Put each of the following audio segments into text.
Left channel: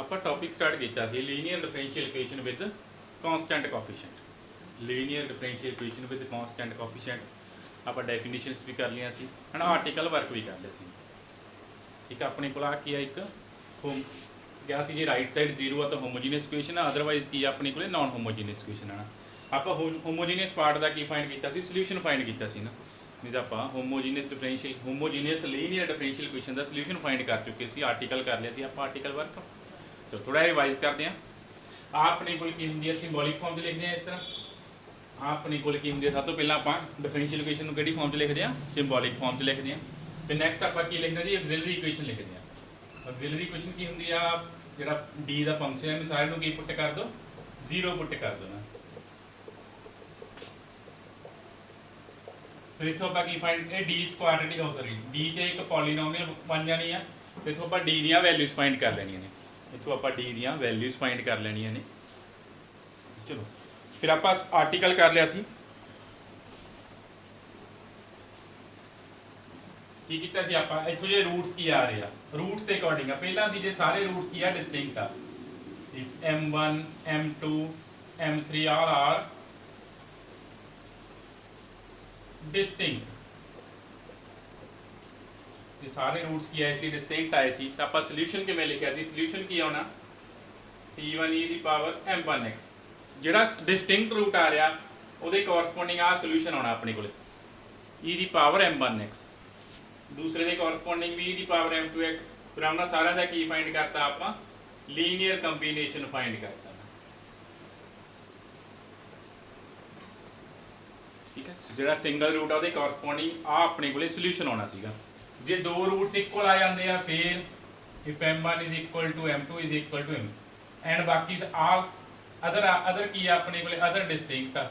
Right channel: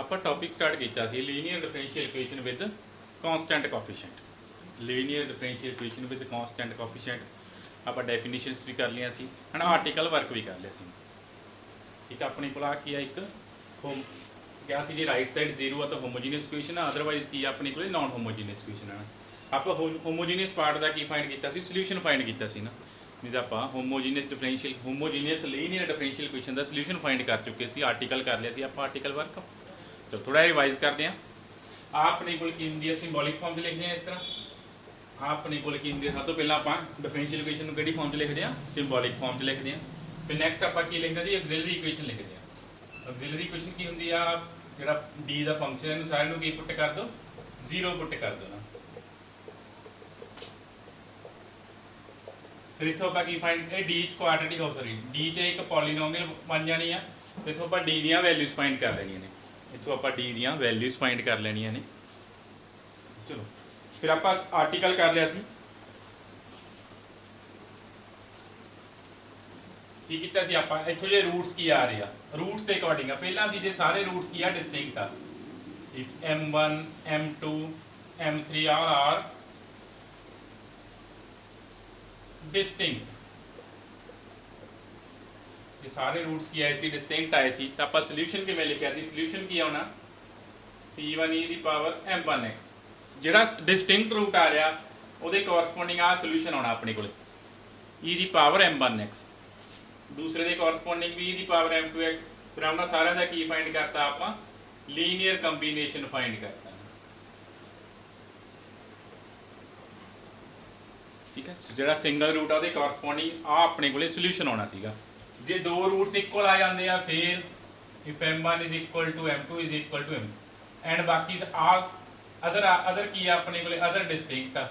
ਆਪਾਂ topic start ਕੀਤਾ ਸੀ linear differential equation with constant coefficient. Linear differential equation with constant coefficient ਆਪਾਂ definitions ਵੀ ਕਰ ਲਿਆ ਸੀ ਹਨਾ, ਆਰਟੀਕਲ ਵਰਕ ਵੀ ਕਰ ਲਿਆ ਸੀ। ਠੀਕ ਆ, ਆਪਣੇ ਕੋਲ ਆ ਕੀ ਆ, ਇੱਕ ਹੋਮ ਕਿਹਾ ਸੀ ਜੀ ਰਾਈਟ ਸਾਈਡ 0 ਆ ਤਾਂ ਹੋਮੋਜੀਨੀਅਸ ਇਕੁਏਸ਼ਨ ਆ, ਅਦਰਵਾਈਜ਼ ਕੀ ਆ ਆਪਣੇ ਕੋਲੇ ਨਾਨ ਹੋਮੋਜੀਨੀਅਸ ਇਕੁਏਸ਼ਨ ਆ। ਆਪਾਂ ਹੋਮੋਜੀਨੀਅਸ ਪਾਰਟ ਦਾ ਕੀ ਫਾਈਂਡ ਕੀਤਾ ਸੀ, ਸੋਲੂਸ਼ਨ ਫਾਈਂਡ ਕੀਤਾ ਸੀ ਨਾ। ਮੀਨਸ ਆਪਾਂ ਹੋਮੋਜੀਨੀਅਸ ਲੀਨੀਅਰ ਡਿਫਰੈਂਸ਼ੀਅਲ ਇਕੁਏਸ਼ਨ ਦਾ ਸੋਲੂਸ਼ਨ ਫਾਈਂਡ ਕਰ ਚੁੱਕੇ ਸੀ, ਆਰਟੀਕਲ ਕਰ ਲਿਆ ਸੀ ਆਪਾਂ, ਆਰਟੀਕਲ ਵਰਕ। ਚਲੋ ਥੋੜਾ ਰਿਵਾਈਜ਼ ਕਰਦੇ ਹਾਂ। ਆ ਆਪਣੇ ਕੋਲ ਕੀ ਹੁੰਦੀ ਹੈ, ਸਿੰਬੋਲਿਕ ਫਾਰਮ 'ਚ ਲਿਖਦੇ ਹਾਂ ਇਸ ਤਰ੍ਹਾਂ। ਆ ਆਪਣੇ ਕੋਲ ਕੀ ਹੁੰਦੀ ਹੈ, ਸਭ ਤੋਂ ਪਹਿਲਾਂ ਆਪਾਂ ਡਿਫਰੈਂਸ਼ੀਅਲ ਇਕੁਏਸ਼ਨ ਨੂੰ ਕਿਹੜੀ ਫਾਰਮ 'ਚ ਲਿਖਦੇ ਹਾਂ, ਸਿੰਬੋਲਿਕ ਫਾਰਮ 'ਚ ਲਿਖਦੇ ਹਾਂ। ਫਿਰ ਨੈਕਸਟ ਆਪਾਂ ਕੀ ਲਿਖਦੇ ਹਾਂ ਜੀ, ਆਕਸਿਲਰੀ ਇਕੁਏਸ਼ਨ ਲਿਖਦੇ ਹਾਂ। ਆਕਸਿਲਰੀ ਇਕੁਏਸ਼ਨ ਕੀ ਹੁੰਦੀ ਆ, ਜਿਹੜਾ ਡੀ ਦਾ ਫੰਕਸ਼ਨ ਹੈ ਇਹਨੂੰ ਸਾਰੇ ਨੂੰ ਕੀ ਪੁੱਟ ਕਰ ਦਿਓ, 0 ਪੁੱਟ ਕਰ ਦਿਓ ਨਾ। ਫਿਰ ਇੱਥੋਂ ਆਪਾਂ ਕੀ ਫਾਈਂਡ, ਇਹ ਡੀ 'ਚ ਕੁਆਡਰੇਟਿਕ ਡੀ 'ਚ ਇੱਕ ਪੋਲੀਨੋਮੀਅਲ ਬਣ ਜਾਣੀ ਆ। ਇੱਥੋਂ ਆਪਾਂ ਡੀ ਦੀਆਂ ਵੈਲਿਊਜ਼ ਫਾਈਂਡ ਕਰ ਲੈਣੀਆਂ ਨੇ, ਇੱਥੋਂ ਆਪਾਂ ਡੀ ਦੀਆਂ ਵੈਲਿਊਜ਼ ਫਾਈਂਡ ਕਰ ਲੈਣੀਆਂ ਨੇ। ਚਲੋ ਫਿਰ ਆਪਾਂ ਆਰਟੀਕਲ ਕਰ ਲਿਆ ਸੀ। ਕੀ ਕੀਤਾ ਸੀ ਆਪਾਂ, ਇੱਥੋਂ ਜੇ ਰੂਟਸ ਕੀ ਆ ਰਹੇ ਆ, ਰੂਟਸ ਦੇ ਅਕੋਰਡਿੰਗ ਆ। ਪਹਿਲਾਂ ਸੀ ਜੇ ਸਾਰੇ ਰੂਟਸ ਕੀ ਆ, ਡਿਸਟਿੰਕਟ ਆ। If m1 m2 m3 all are distinct, ये सारे रूट्स की आए सी डिस्टिंक्ट आए सी, तो आप सोल्यूशन किमें लिखा सी, सोल्यूशन की आना c1 e दी पावर m1x, जिहड़ा डिस्टिंक्ट रूट आ रहा ਉਹਦੇ ਕੋਰਸਪੋਂਡਿੰग ਆ ਸੋਲੂਸ਼ਨ ਆਉਣਾ ਆਪਣੇ ਕੋਲ e ਦੀ ਪਾਵਰ m1x, ਦੂਸਰੇ ਦੇ ਕੋਰਸਪੋਂਡਿੰਗ ਵੀ e ਦੀ ਪਾਵਰ m2x। ਫਿਰ ਉਹਨਾਂ ਸਾਰਿਆਂ ਦਾ ਕੀ ਫਾਈਂਡ ਕਰਤਾ ਆਪਾਂ, ਲੀਨੀਅਰ ਕੰਬੀਨੇਸ਼ਨ ਫਾਈਂਡ ਕਰਤਾ। ਠੀਕ ਹੈ, ਜਿਹੜਾ ਸਿੰਗਲ ਰੂਟ ਆ ਉਹਦੇ ਕੋਰਸਪੋਂਡਿੰਗ ਆ ਆਪਣੇ ਕੋਲੇ ਸੋਲੂਸ਼ਨ ਆਉਣਾ ਸੀਗਾ। ਜੇ ਦੋ ਰੂਟਸ ਇਕੁਅਲ ਆ ਜਾਂਦੇ ਆ ਫਿਰ if m1 is equal to m2 is equal to m and ਬਾਕੀ ਆਲ ਅਦਰ ਕੀ ਆ ਆਪਣੇ ਕੋਲੇ, ਅਦਰ ਡਿਸਟਿੰਕਟ ਆ,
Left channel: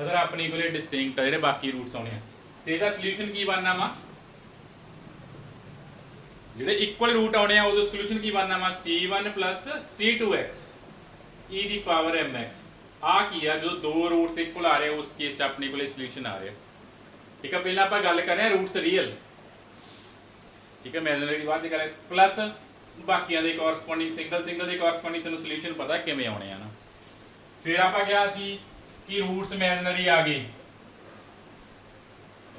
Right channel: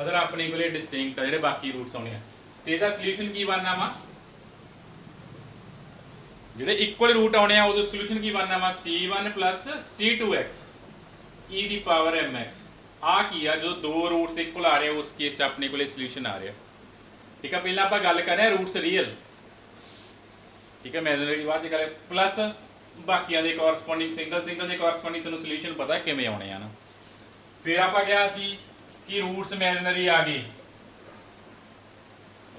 ਅਦਰ ਆਪਣੇ ਕੋਲੇ ਡਿਸਟਿੰਕਟ ਆ ਜਿਹੜੇ ਬਾਕੀ ਰੂਟਸ ਆਉਣੇ ਆ। ਤੇ ਇਹਦਾ ਸੋਲੂਸ਼ਨ ਕੀ ਬਣਨਾ ਵਾ, ਜਿਹੜੇ ਇਕੁਅਲ ਰੂਟ ਆਉਣੇ ਆ ਉਹਦਾ ਸੋਲੂਸ਼ਨ ਕੀ ਬਣਨਾ ਵਾ, c1 plus c2x e ਦੀ ਪਾਵਰ mx। ਆ ਕੀ ਆ, ਜਦੋਂ ਦੋ ਰੂਟਸ ਇਕੁਅਲ ਆ ਰਹੇ ਉਸ ਕੇਸ 'ਚ ਆਪਣੇ ਕੋਲੇ ਸੋਲੂਸ਼ਨ ਆ ਰਿਹਾ। ठीक है, पहले आप गल कर रहे हैं रूट्स रियल, ठीक है, इमेजिनरी बात करें प्लस बाकियां दे कोरस्पोंडिंग सिंगल दे कोरस्पोंडिंग तेन सोल्यूशन पता किवें आने हैं ना। फिर आप क्या सी कि रूट्स इमेजिनरी आ गए,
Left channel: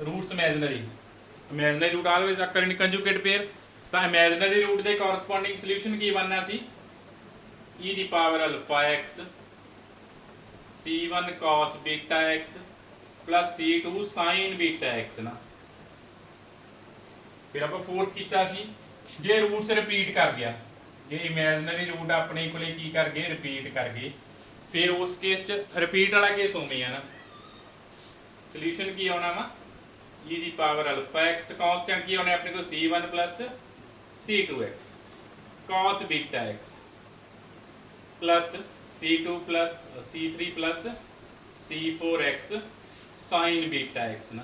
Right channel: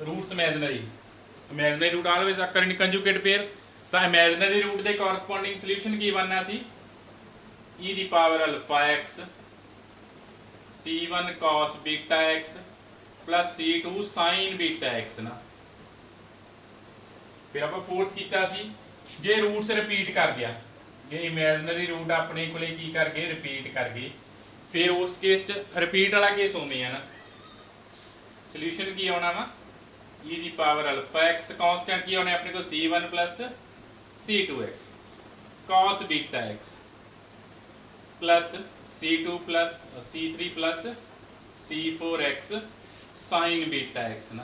रूट्स इमेजिनरी रूट ऑलवेज अकर इन कंजुगेट पेयर, तो इमेजिनरी रूट के कोरस्पोंडिंग सोल्यूशन की बनना सी e दी power alpha x c1 cos beta x plus c2 sin beta x ना। फिर आप फोर्थ किया सी जे रूट्स रिपीट कर गया, जे इमेजिनरी रूट अपने कोले की कर गए रिपीट कर गए, फिर उस केस च रिपीट वाला केस उमें है ना। सोल्यूशन की आना वा e दी पावर अल्फा x, कांस्टेंट की आने अपने को c1 plus c2x cos beta x plus c2 plus c3 plus c4x sign beta x ना।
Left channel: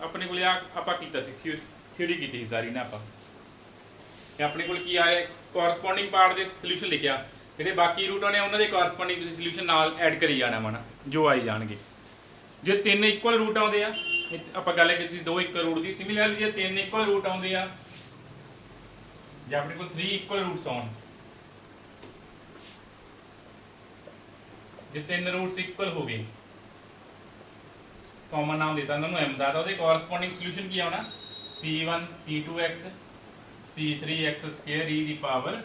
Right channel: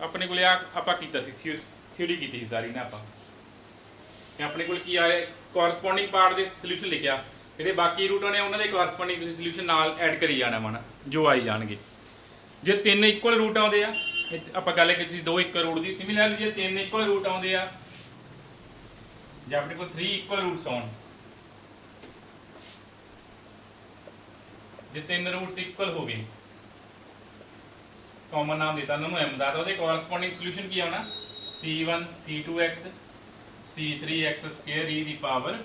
अपने को आप थ्योरी की सारी ना, आप अपने को की आ रहा कोरस्पोंडिंग पार्ट के सोल्यूशन लिखा, जो बाकी रूट आने उन्होंने कोरस्पोंडिंग सोल्यूशन नाल ऐड करी जाना वा ना, जो आई जाएंगे। जो तीन इक्वल रूट आते हैं, आप गल की दो इक्वल रूट की, सिमिलरली जो तीन इक्वल रूट आते हैं, जो अपने को 3 इक्वल रूट्स आउन, जे तीन रूट्स इक्वल हो गए, कॉमन नाम देता उन्होंने m का, तो कोरस्पोंडिंग सोल्यूशन की आना c1 c2x c3x square e दी पावर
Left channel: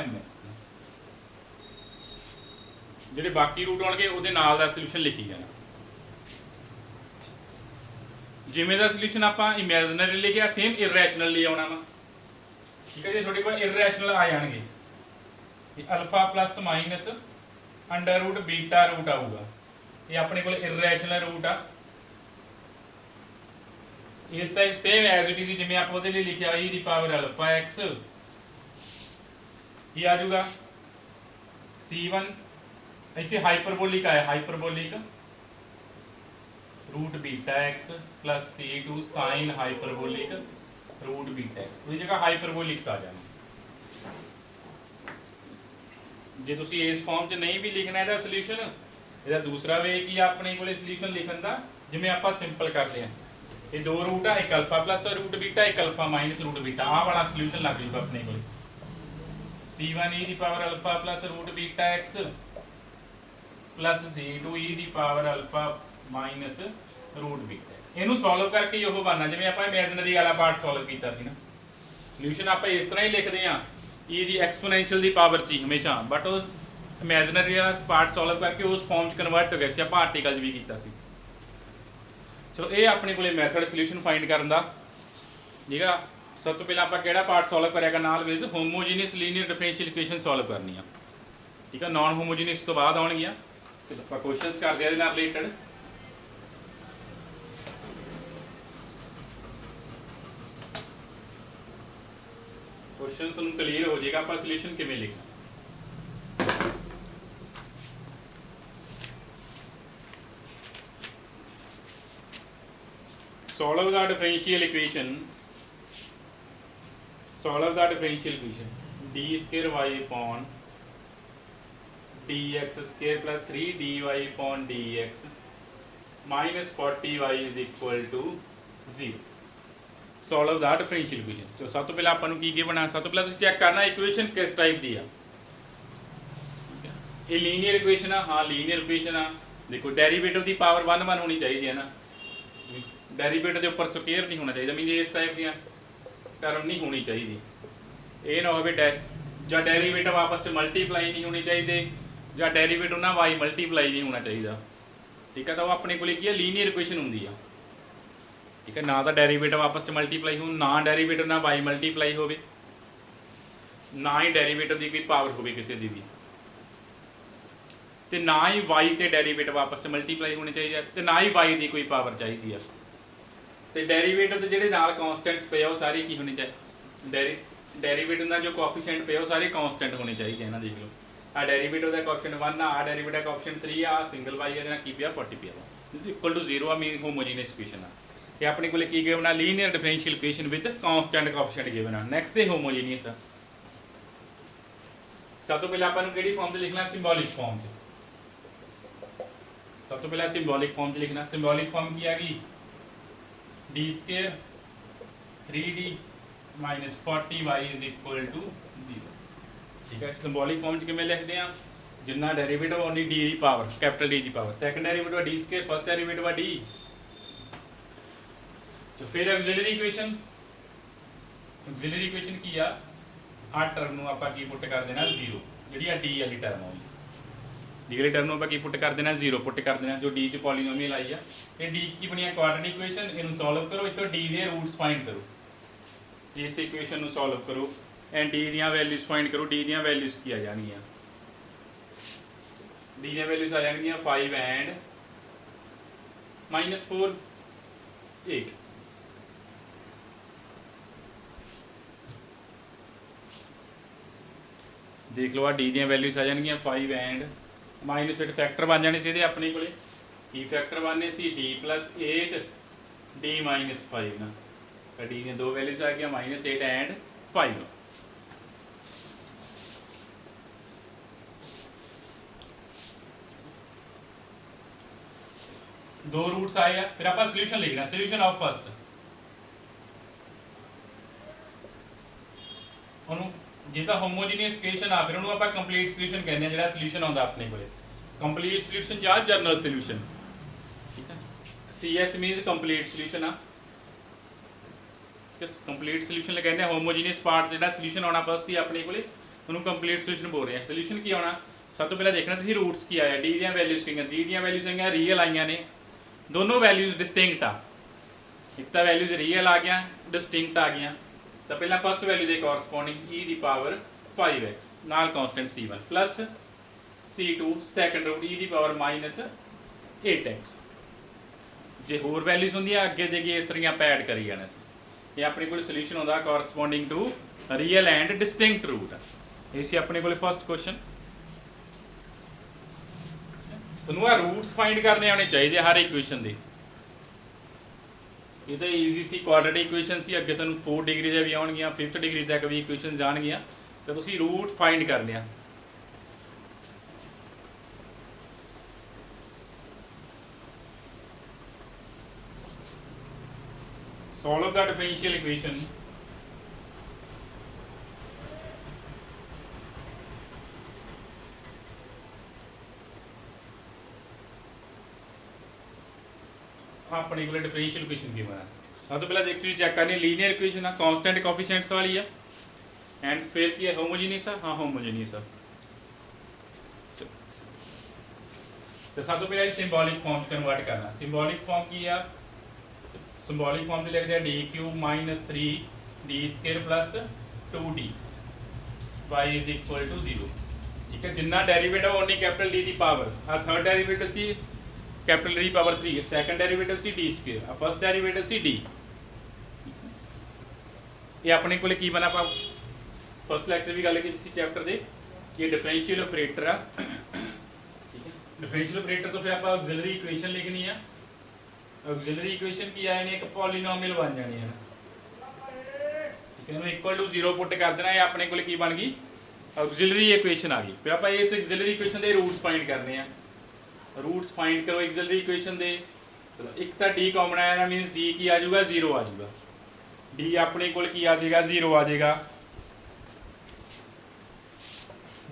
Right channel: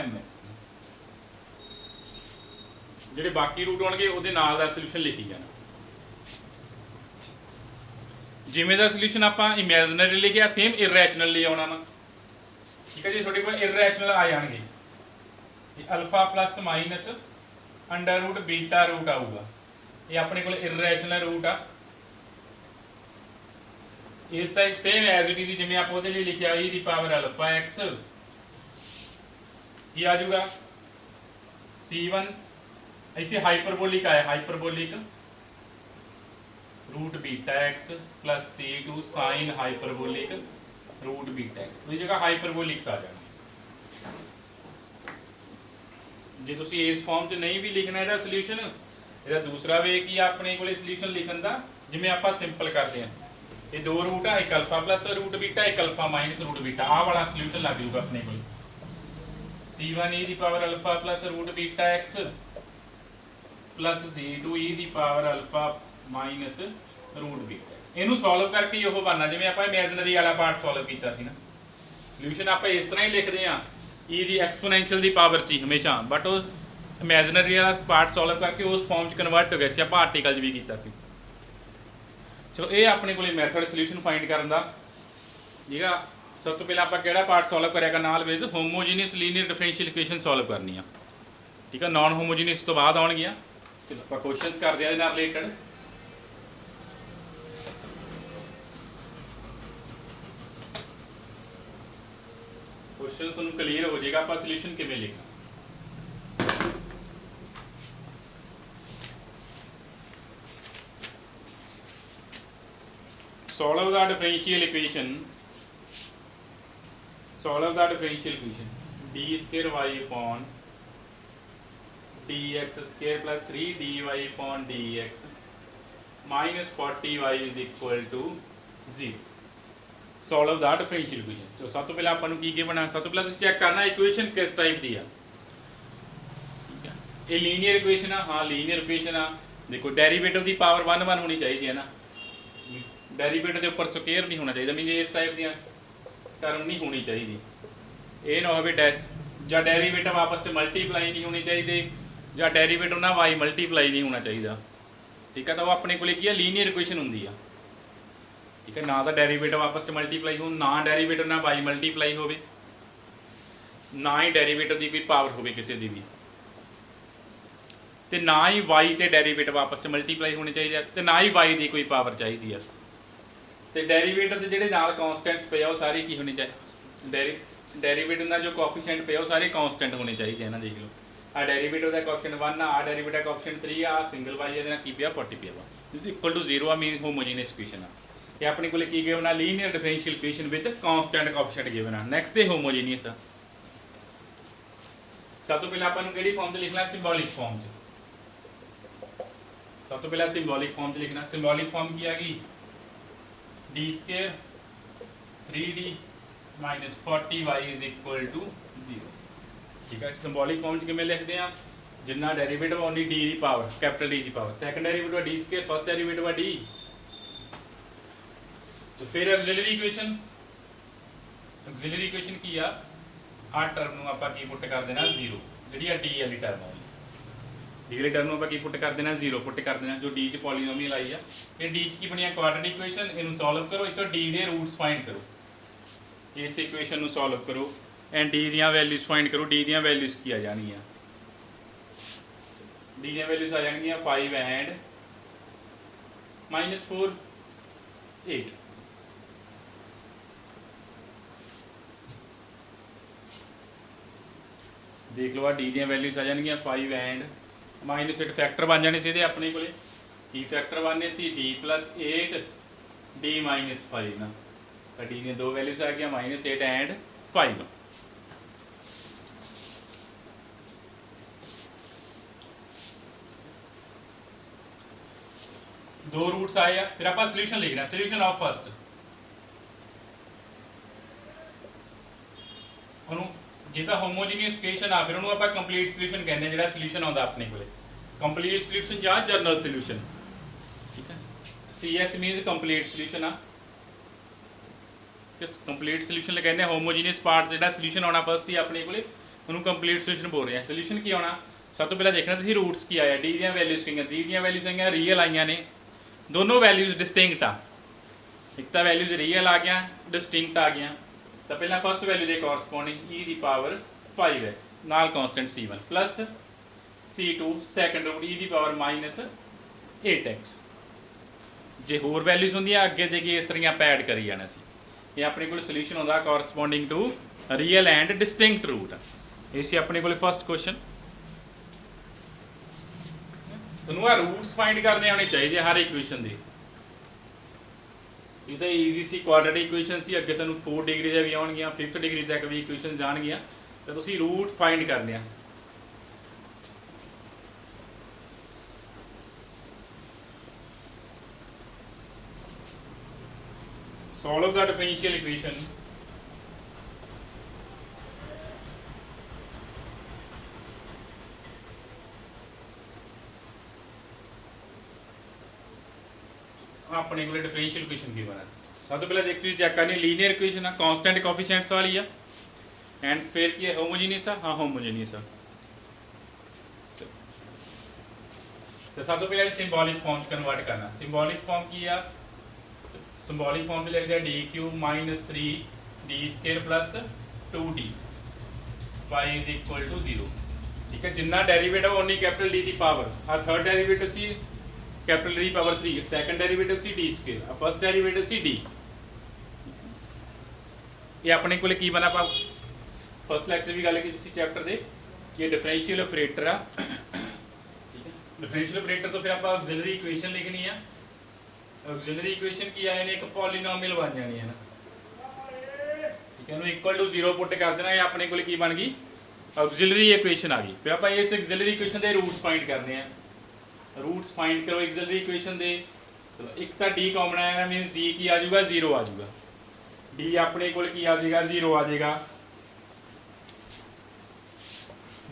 mx। ਜਿਹੜੇ ਬਾਕੀ ਰੂਟ ਆਉਣਗੇ ਉਹਦੇ ਨਾਲ ਦਾ ਸੋਲੂਸ਼ਨ ਲਿਖੀ ਜਾਣਾ। ਜਿਵੇਂ ਦਾ ਸੋਲੂਸ਼ਨ ਆਪਾਂ ਇਮੇਜਿਨਰੀ ਲਿਖਿਆ ਸੇਮ ਇਰੈਸ਼ਨਲ ਲਈ ਆਉਣਾ ਵਾ। ਠੀਕ ਹੈ ਜੀ, ਤੁਹਾਡੇ ਕੋਲ ਇਰੈਸ਼ਨਲ ਆ ਜਾਣਗੇ, alpha plus minus under root beta root आऊगा, ये अपने को इरैशनल रूट आ। इस type same as it is जिवें आप ਉਹਦੇ ਲਈ लिखिया e दी पावर अल्फा x, ये आ जाऊगा c1 इतने हाइपरबोलिक आया, hyperbolic root beta x plus c2 sine hyperbolic root beta x, इस जगह हाइपरबोलिक्स आ जाना। जे तुसी इस फॉर्म च नहीं भी लिखना ਇਹਦਾ ਸੋਲੂਸ਼ਨ, ਇਹਦਾ ਦੂਸਰਾ ਵੇ ਕੀ ਆਪਣੇ ਕੋਲੇ ਸੋਲੂਸ਼ਨ ਲਿਖਣ ਦਾ, ਜਿਵੇਂ ਆਪਾਂ ਸਿੰਪਲ ਕਰਦੇ ਹਾਂ ये दो रूट है, एक अल्फा प्लस रूट बीटा, एक अल्फा माइनस रूट बीटा। आ वाला सोल्यूशन लग जूगा अपने को c1 e दी power alpha plus root beta x plus c2 e दी power alpha minus root beta. इनू सॉल्व करके ही वो बनना जिवें आपां इमेजिनरी वाला पार्ट सॉल्व कीता सी ना। सोल्यूशन आपां इस तरह ही लिखते हैं e the exponential the power ची हमेशा, बट वो इमेजिनरी वाला पार्ट सॉल्व करके उस फॉर्म च कन्वर्ट हो गया सी। आपां आर्टिकल भी कीता सी। चलो ये अपने को मैथड सोल्यूशन फाइंड करने का, ठीक है। सब तो पहले आप केड़ा पार्ट सॉल्व करेगा नाल वेज homogeneous linear differential equation solve करनी है, ठीक है। नॉन होमोजीनियस तो बाद आउणगियां, ते आपां क्वेश्चंस करदे इहदे नाल रिलेटेड। क्वेश्चन तुहानूं क्लीयर हो जाएगा आपां सोल्यूशन किवें लिखना। Solve the differential equation. Solve the differential equation. D square y upon dx square plus 3 dy upon dx minus 40y is equal to 0. Solve the differential equation. तो सब तो पहले अपन की गिवन है, सब तो पहले चेक करना इक्वेशन किस टाइप दी है, ठीक है। ये लीनियर इक्वेशन है, हाँ लीनियर इक्वेशन है। देखो डेरिवेटिव की पावर 1 1 होनी चाहिए है ना, डेरिवेटिव के उपर स्क्वेयर नहीं होना चाहिए, मीन इस टाइप दी टर्म नहीं होनी चाहिए। ये ना हो या डेरिवेटिव आपस में मल्टीप्लाई नहीं होनी चाहिए, या डेरिवेटिव ना वाई मल्टीप्लाई नहीं होना चाहिए, ठीक है। तो अपने को की लीनियर इक्वेशन होंगी है, ठीक है। ना तो डेरिवेटिव आपस में मल्टीप्लाई हो, ना डेरिवेटिव ना वाई मल्टीप्लाई हो, ना ही डेरिवेटिव की कोई पावर हो किसी की भी, तो ना ही वाई तो डेरिवेटिव आपस में मल्टीप्लाई होने चाहिए, तो ना ही वाई की कोई पावर चाहिए है। तो डेरिवेटिव के ਜਿਹੜੇ ਨਾਲ कॉन्स्टेंट्स पे वो सारे की होनी चाहिए, डेरिवेटिव का जो कोएफिशिएंट पे वो सारे कॉन्स्टेंट होने चाहिए ना। देख लो आ डेरिवेटिव का कोएफिशिएंट 1 आ डेरिवेटिव का कोएफिशिएंट 3 आ सिंगल वाई है की पिया 40 पिया इज इक्वल टू 0 आ मीन होमोजीनियस इक्वेशन है। ये अपने को की गिवन है linear differential equation with constant coefficient given है। नैक्सट है होमोजीनियस है। सब तो पहले अपन केड़ी फॉर्म से लिखना, सिंबॉलिक फॉर्म से। सब तो पहले सिंबॉलिक फॉर्म से लिखना। सिंबॉलिक फॉर्म की हैगी D square 3d minus 40y is equal to 0, ठीक है। सिंबॉलिक फॉर्म च किवें लिखते हैं, जिन्ना डेरिवेटिव ओनली डी की पावर कैपिटल डी की power, second derivative D square, first derivative D. तो फिर ऑक्सिलरी इक्वेशन, ऑक्सिलरी इक्वेशन की आ टर्म नूं आपां की पुट कर देना 0, जिहड़ी आ डी वाली टर्म आउंदी, डी वाली टर्म नूं आपां की पुट कर देना 0 पुट कर देना, जो डी च पॉलीनोमियल आई है। ये डी च की बनी क्वाड्रेटिक इक्वेशन, इनू सॉल्व करो, इतों डी के रूट्स फाइंड करो, इस इक्वेशन नू सॉल्व करो एंड डी दी वैल्यूज फाइंड करो। डी दी वैल्यूज की आ जाएगी, डी दी वैल्यूज आ जाएगी 5 एंड -4 8। देख लो आ डी दी वैल्यूज आ जाएगी 5 एंड -8, फैक्टर बन जाने से अपने को की फैक्टर बनने से डी प्लस 8 डी -5 ना, डी दी दो वैल्यूज आ गया -8 एंड 5। दो रूट्स आए हैं, फिर आप सोल्यूशन लिखना, सोल्यूशन ऑफ फर्स्ट जो तो होमोजीनियस इक्वेशन आ फिर उन्होंने आप कंप्लीट सोल्यूशन कहने, जो सोल्यूशन आता अपने को कंप्लीट सोल्यूशन या जनरल सोल्यूशन, ठीक है। CS मीन्स कंप्लीट सोल्यूशन आ, कंप्लीट सोल्यूशन कहते हैं होमोजीनियस पार्ट जो सोल्यूशन आना फर्स्ट ही अपने को उन्होंने कंप्लीट सोल्यूशन बोल रहे हैं। सोल्यूशन की आना सब तो पहले देखना तुम रूट्स की आया, डी दी वैल्यूज की, डी दी वैल्यूज आई रियल आई ने, दोनों वैल्यूज डिस्टिंक्ट आ, एक तो वैल्यूज रियल आ गया डिस्टिंक्ट आ गया। तो पहला फर्स्ट वैल्यू के कॉरस्पॉन्डिंग ई दी पावर 5x नाल constant C1 plus C2 second root E दी पावर -8x। जे होर वैल्यूज होंगे अगे देगी इस तरह आप ऐड करी जाना सी। ये अपने को सोल्यूशन होता corresponding to real and distinct root. ये अपने को फर्स्ट क्वेश्चन तुहानूं आ रूट्स फाइंड करने आने चाहिए हर इक्वेशन के। ये तो ईजी सी क्वाड्रेटिक इक्वेशन सी, अगे तुहानूं 4 डिग्री दे भी आउणगियां, 5th डिग्री तक भी इक्वेशन जाणगियां, तो तुसीं रूट फाइंड करने आ। ਸੋਲਵ ਦਾ ਡਿਫਰੈਂਸ਼ੀਅਲ ਇਕੁਏਸ਼ਨ अपने को डिफरेंशियल इक्वेशन की बना सब तो पहले एक चीज चेक करनी लीनियर इक्वेशन है कांस्टेंट कोएफिशिएंट्स वाली है एंड फिर की है होमोजेनियस है हाँ होमोजेनियस है तो सब तो पहले सिंबॉलिक फॉर्म कन्वर्ट करना सिंबॉलिक फॉर्म की है सिंबॉलिक फॉर्म में लिख दिया D cube minus 3 D square plus 2d y is equal to 0 ठीक है जिन्ना डेरिवेटिव उन्नी कैपिटल डी की पावर आ थर्ड डेरिवेटिव सी capital D power 3 second derivative सी डी स्क्वायर और फर्स्ट डेरिवेटिव सी डी ये अपने को की बना आप फर्स्ट लेक्चर भी गल की चैप्टर दे ये डिफरेंशियल ऑपरेटर आ ठीक है डिफरेंशियल ऑपरेटर तो फिर आप ऑक्सिलरी इक्वेशन लिखनी है ऑक्सिलरी इक्वेशन की आए ने एक पॉलीनोमियल बन जानी है ना ठीक है इक्वल टू 0 पुट कर देना ये अपने को की बन गई ऑक्सिलरी इक्वेशन आ गई फिर आप इस ऑक्सिलरी इक्वेशन के रूट्स फाइंड करने हैं रूट्स फाइंड करो एक्सिलरी इक्वेशन दे चलो एक तो डी कॉमन आया ना मीनस डी की आ जाऊगा 0 आ जाऊगा डी अपने को की आ जाएगा 0 आ जाएगा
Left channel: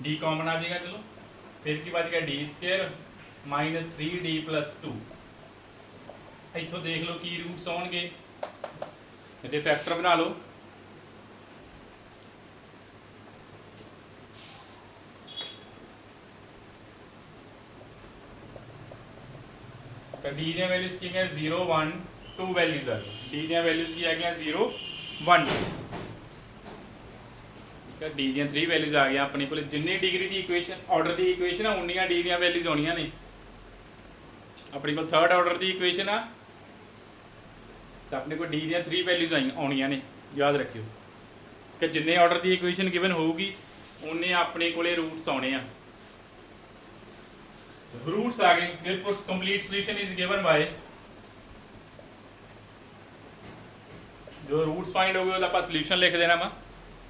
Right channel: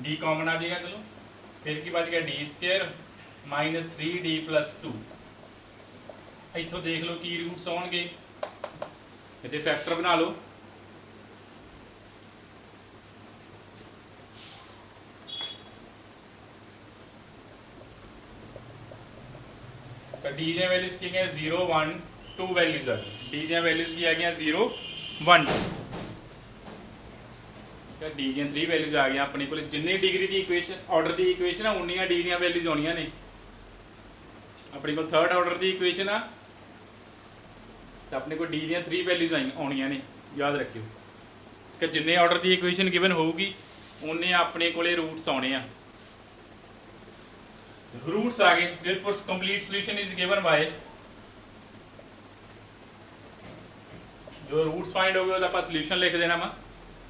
डी कॉमन आ जाएगा चलो फिर की बच गया D square minus 3d plus 2 इतों देख लो की रूट्स आउणगे इतने फैक्टर बना लो तो डी दी वैल्यूज की गई 0 1 2 वैल्यूज आ गई डी दी वैल्यूज की आ गई 0 1 तो डी दी 3 वैल्यूज आ गई अपने को जिन्नी डिग्री की इक्वेशन ऑर्डर की इक्वेशन है उन्नियां डी दी वैल्यूज आउणियां ने अपने को थर्ड ऑर्डर की इक्वेशन आ तो अपने को डी दी 3 वैल्यूज आउणियां ने याद रखियो कि जिन्ने ऑर्डर की इक्वेशन गिवन होगी उन्ने अपने को रूट्स आने हैं रूट्स आ गए therefore complete solution is given by जो रूट्स फाइंड हो गए तो आप सॉल्यूशन लिख देना वा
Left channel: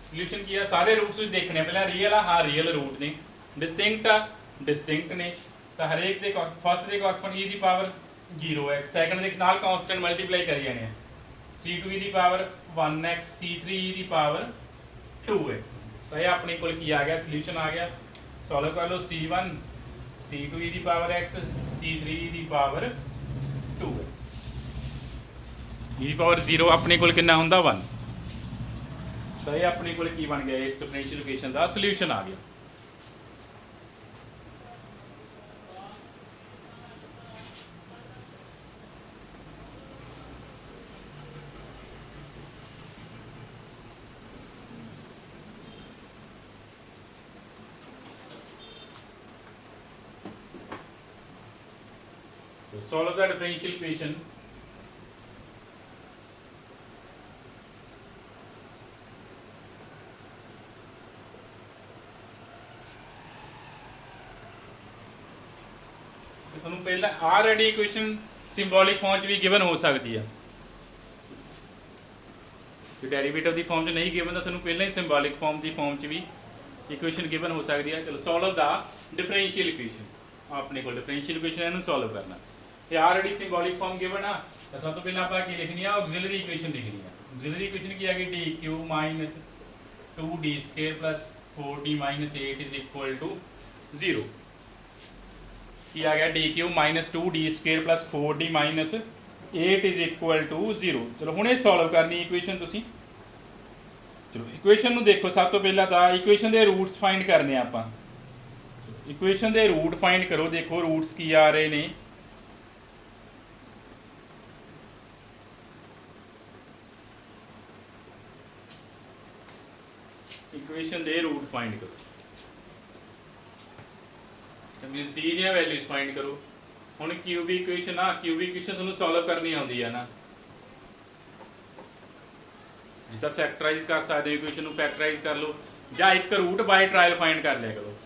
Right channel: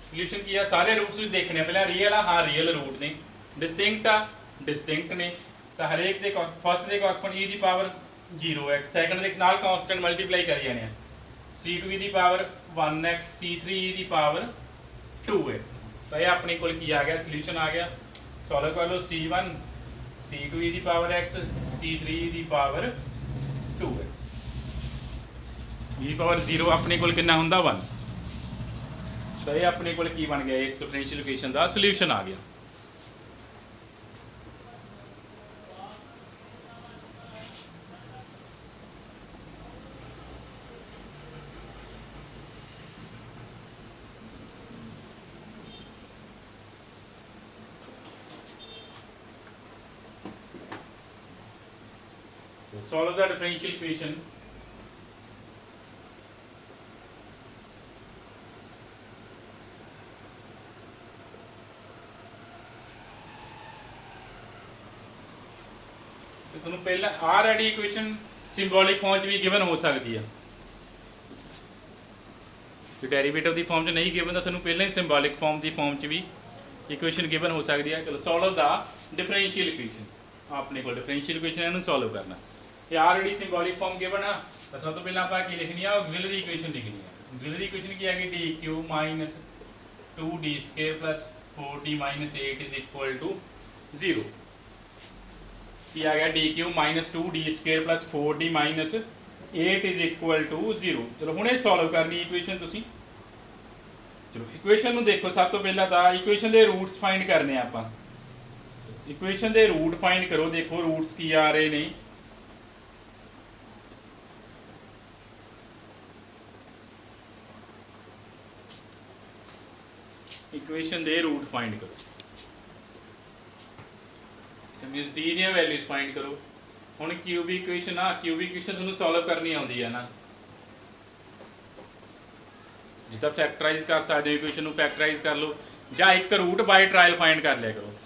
सॉल्यूशन की है सारे रूट्स देखने पहले रियल हाँ रियल रूट ने डिस्टिंक्ट ने तो हर एक दे फर्स्ट दे कॉरस्पॉन्ड e दी पावर 0x सेकंड दे नाल कांस्टेंट मल्टीप्लाई कर जाने c2 e दी पावर 1x c3 e दी पावर 2x तो ये अपने को की आ गया सॉल्यूशन आ गया सॉल्व कर लो c1 c2 e दी पावर x c3 e दी पावर 2x e दी पावर 0 अपने को कितना हुंदा 1 तो ये अपने को की बन गया इस डिफरेंशियल इक्वेशन का सॉल्यूशन आ गया solve the differential equation ਤੁਹਾਨੂੰ ਪਹਿਲਾਂ ਆਲਰੇਡੀ ਇਕੁਏਸ਼ਨ ਸਿੰਬੋਲਿਕ ਫਾਰਮ 'ਚ ਵੀ ਗਿਵਨ ਹੋ ਸਕਦੀ ਹੈ ਜੇ ਡੈਰੀਵੇਟਿਵ ਦੀ ਫਾਰਮ 'ਚ ਨਹੀਂ ਗਿਵਨ ਤਾਂ ਤੁਹਾਨੂੰ ਪਹਿਲਾਂ ਹੀ ਸਿੰਬੋਲਿਕ ਫਾਰਮ ਦੀ ਫਾਰਮ 'ਚ ਵੀ ਇਕੁਏਸ਼ਨ ਗਿਵਨ ਹੋ ਸਕਦੀ ਹੈ ਚਲੋ ਸੋਲਵ ਦਾ ਡਿਫਰੈਂਸ਼ੀਅਲ ਇਕੁਏਸ਼ਨ ਆਪਣੇ ਕੋਲ ਡਿਫਰੈਂਸ਼ੀਅਲ ਇਕੁਏਸ਼ਨ ਇਹਨੂੰ ਸੋਲਵ ਕਰਨਾ ਇਹ ਆਲਰੇਡੀ ਸਿੰਬੋਲਿਕ ਫਾਰਮ ਗਿਵਨ ਆ ਤਾਂ ਸਭ ਤੋਂ ਪਹਿਲਾਂ ਆਪਾਂ ਕੀ ਲਿਖਣੀ ਆ ਆਕਸਿਲਰੀ ਇਕੁਏਸ਼ਨ ਲਿਖਣੀ ਆ ਆਕਸਿਲਰੀ ਇਕੁਏਸ਼ਨ ਕੀ ਆ ਗਈ dq 2d square 4d 8 is equal to 0 ਕੀ ਆ ਗਿਆ dq 2d square 4d 8 is equal to 0 ਚਲੋ ਹੁਣ ਇਹ ਸੋਲਵ ਕਰਨੀ ਇਕੁਏਸ਼ਨ ਤੁਸੀਂ ਚਲੋ ਇਕੁਏਸ਼ਨ ਨੂੰ ਦੇਖੋ ਸਭ ਤੋਂ ਪਹਿਲਾਂ ਤਾਂ ਇਕੁਏਸ਼ਨ ਦੇ ਰੂਟਸ ਫਾਈਂਡ ਕਰਨੇ ਆ ਆਪਾਂ ਇਕੁਏਸ਼ਨ ਦੇ ਰੂਟ ਫਾਈਂਡ ਕਰੋ ਦੇਖੋ ਰੂਟਸ ਕੀ ਆ ਰਹੇ ਨੇ इक्वेशन दे रूट फाइंड करो तो मींस डी दी वैल्यूज फाइंड करो हुण क्यूबी इक्वेशन आ क्यूबी इक्वेशन तुहानूं सॉल्व करनी आउंदी है ना जिदा फैक्टराइज कर सकते हो इक्वेशन नूं फैक्टराइज कर लो या एक रूट बाय ट्रायल फाइंड कर लिया करो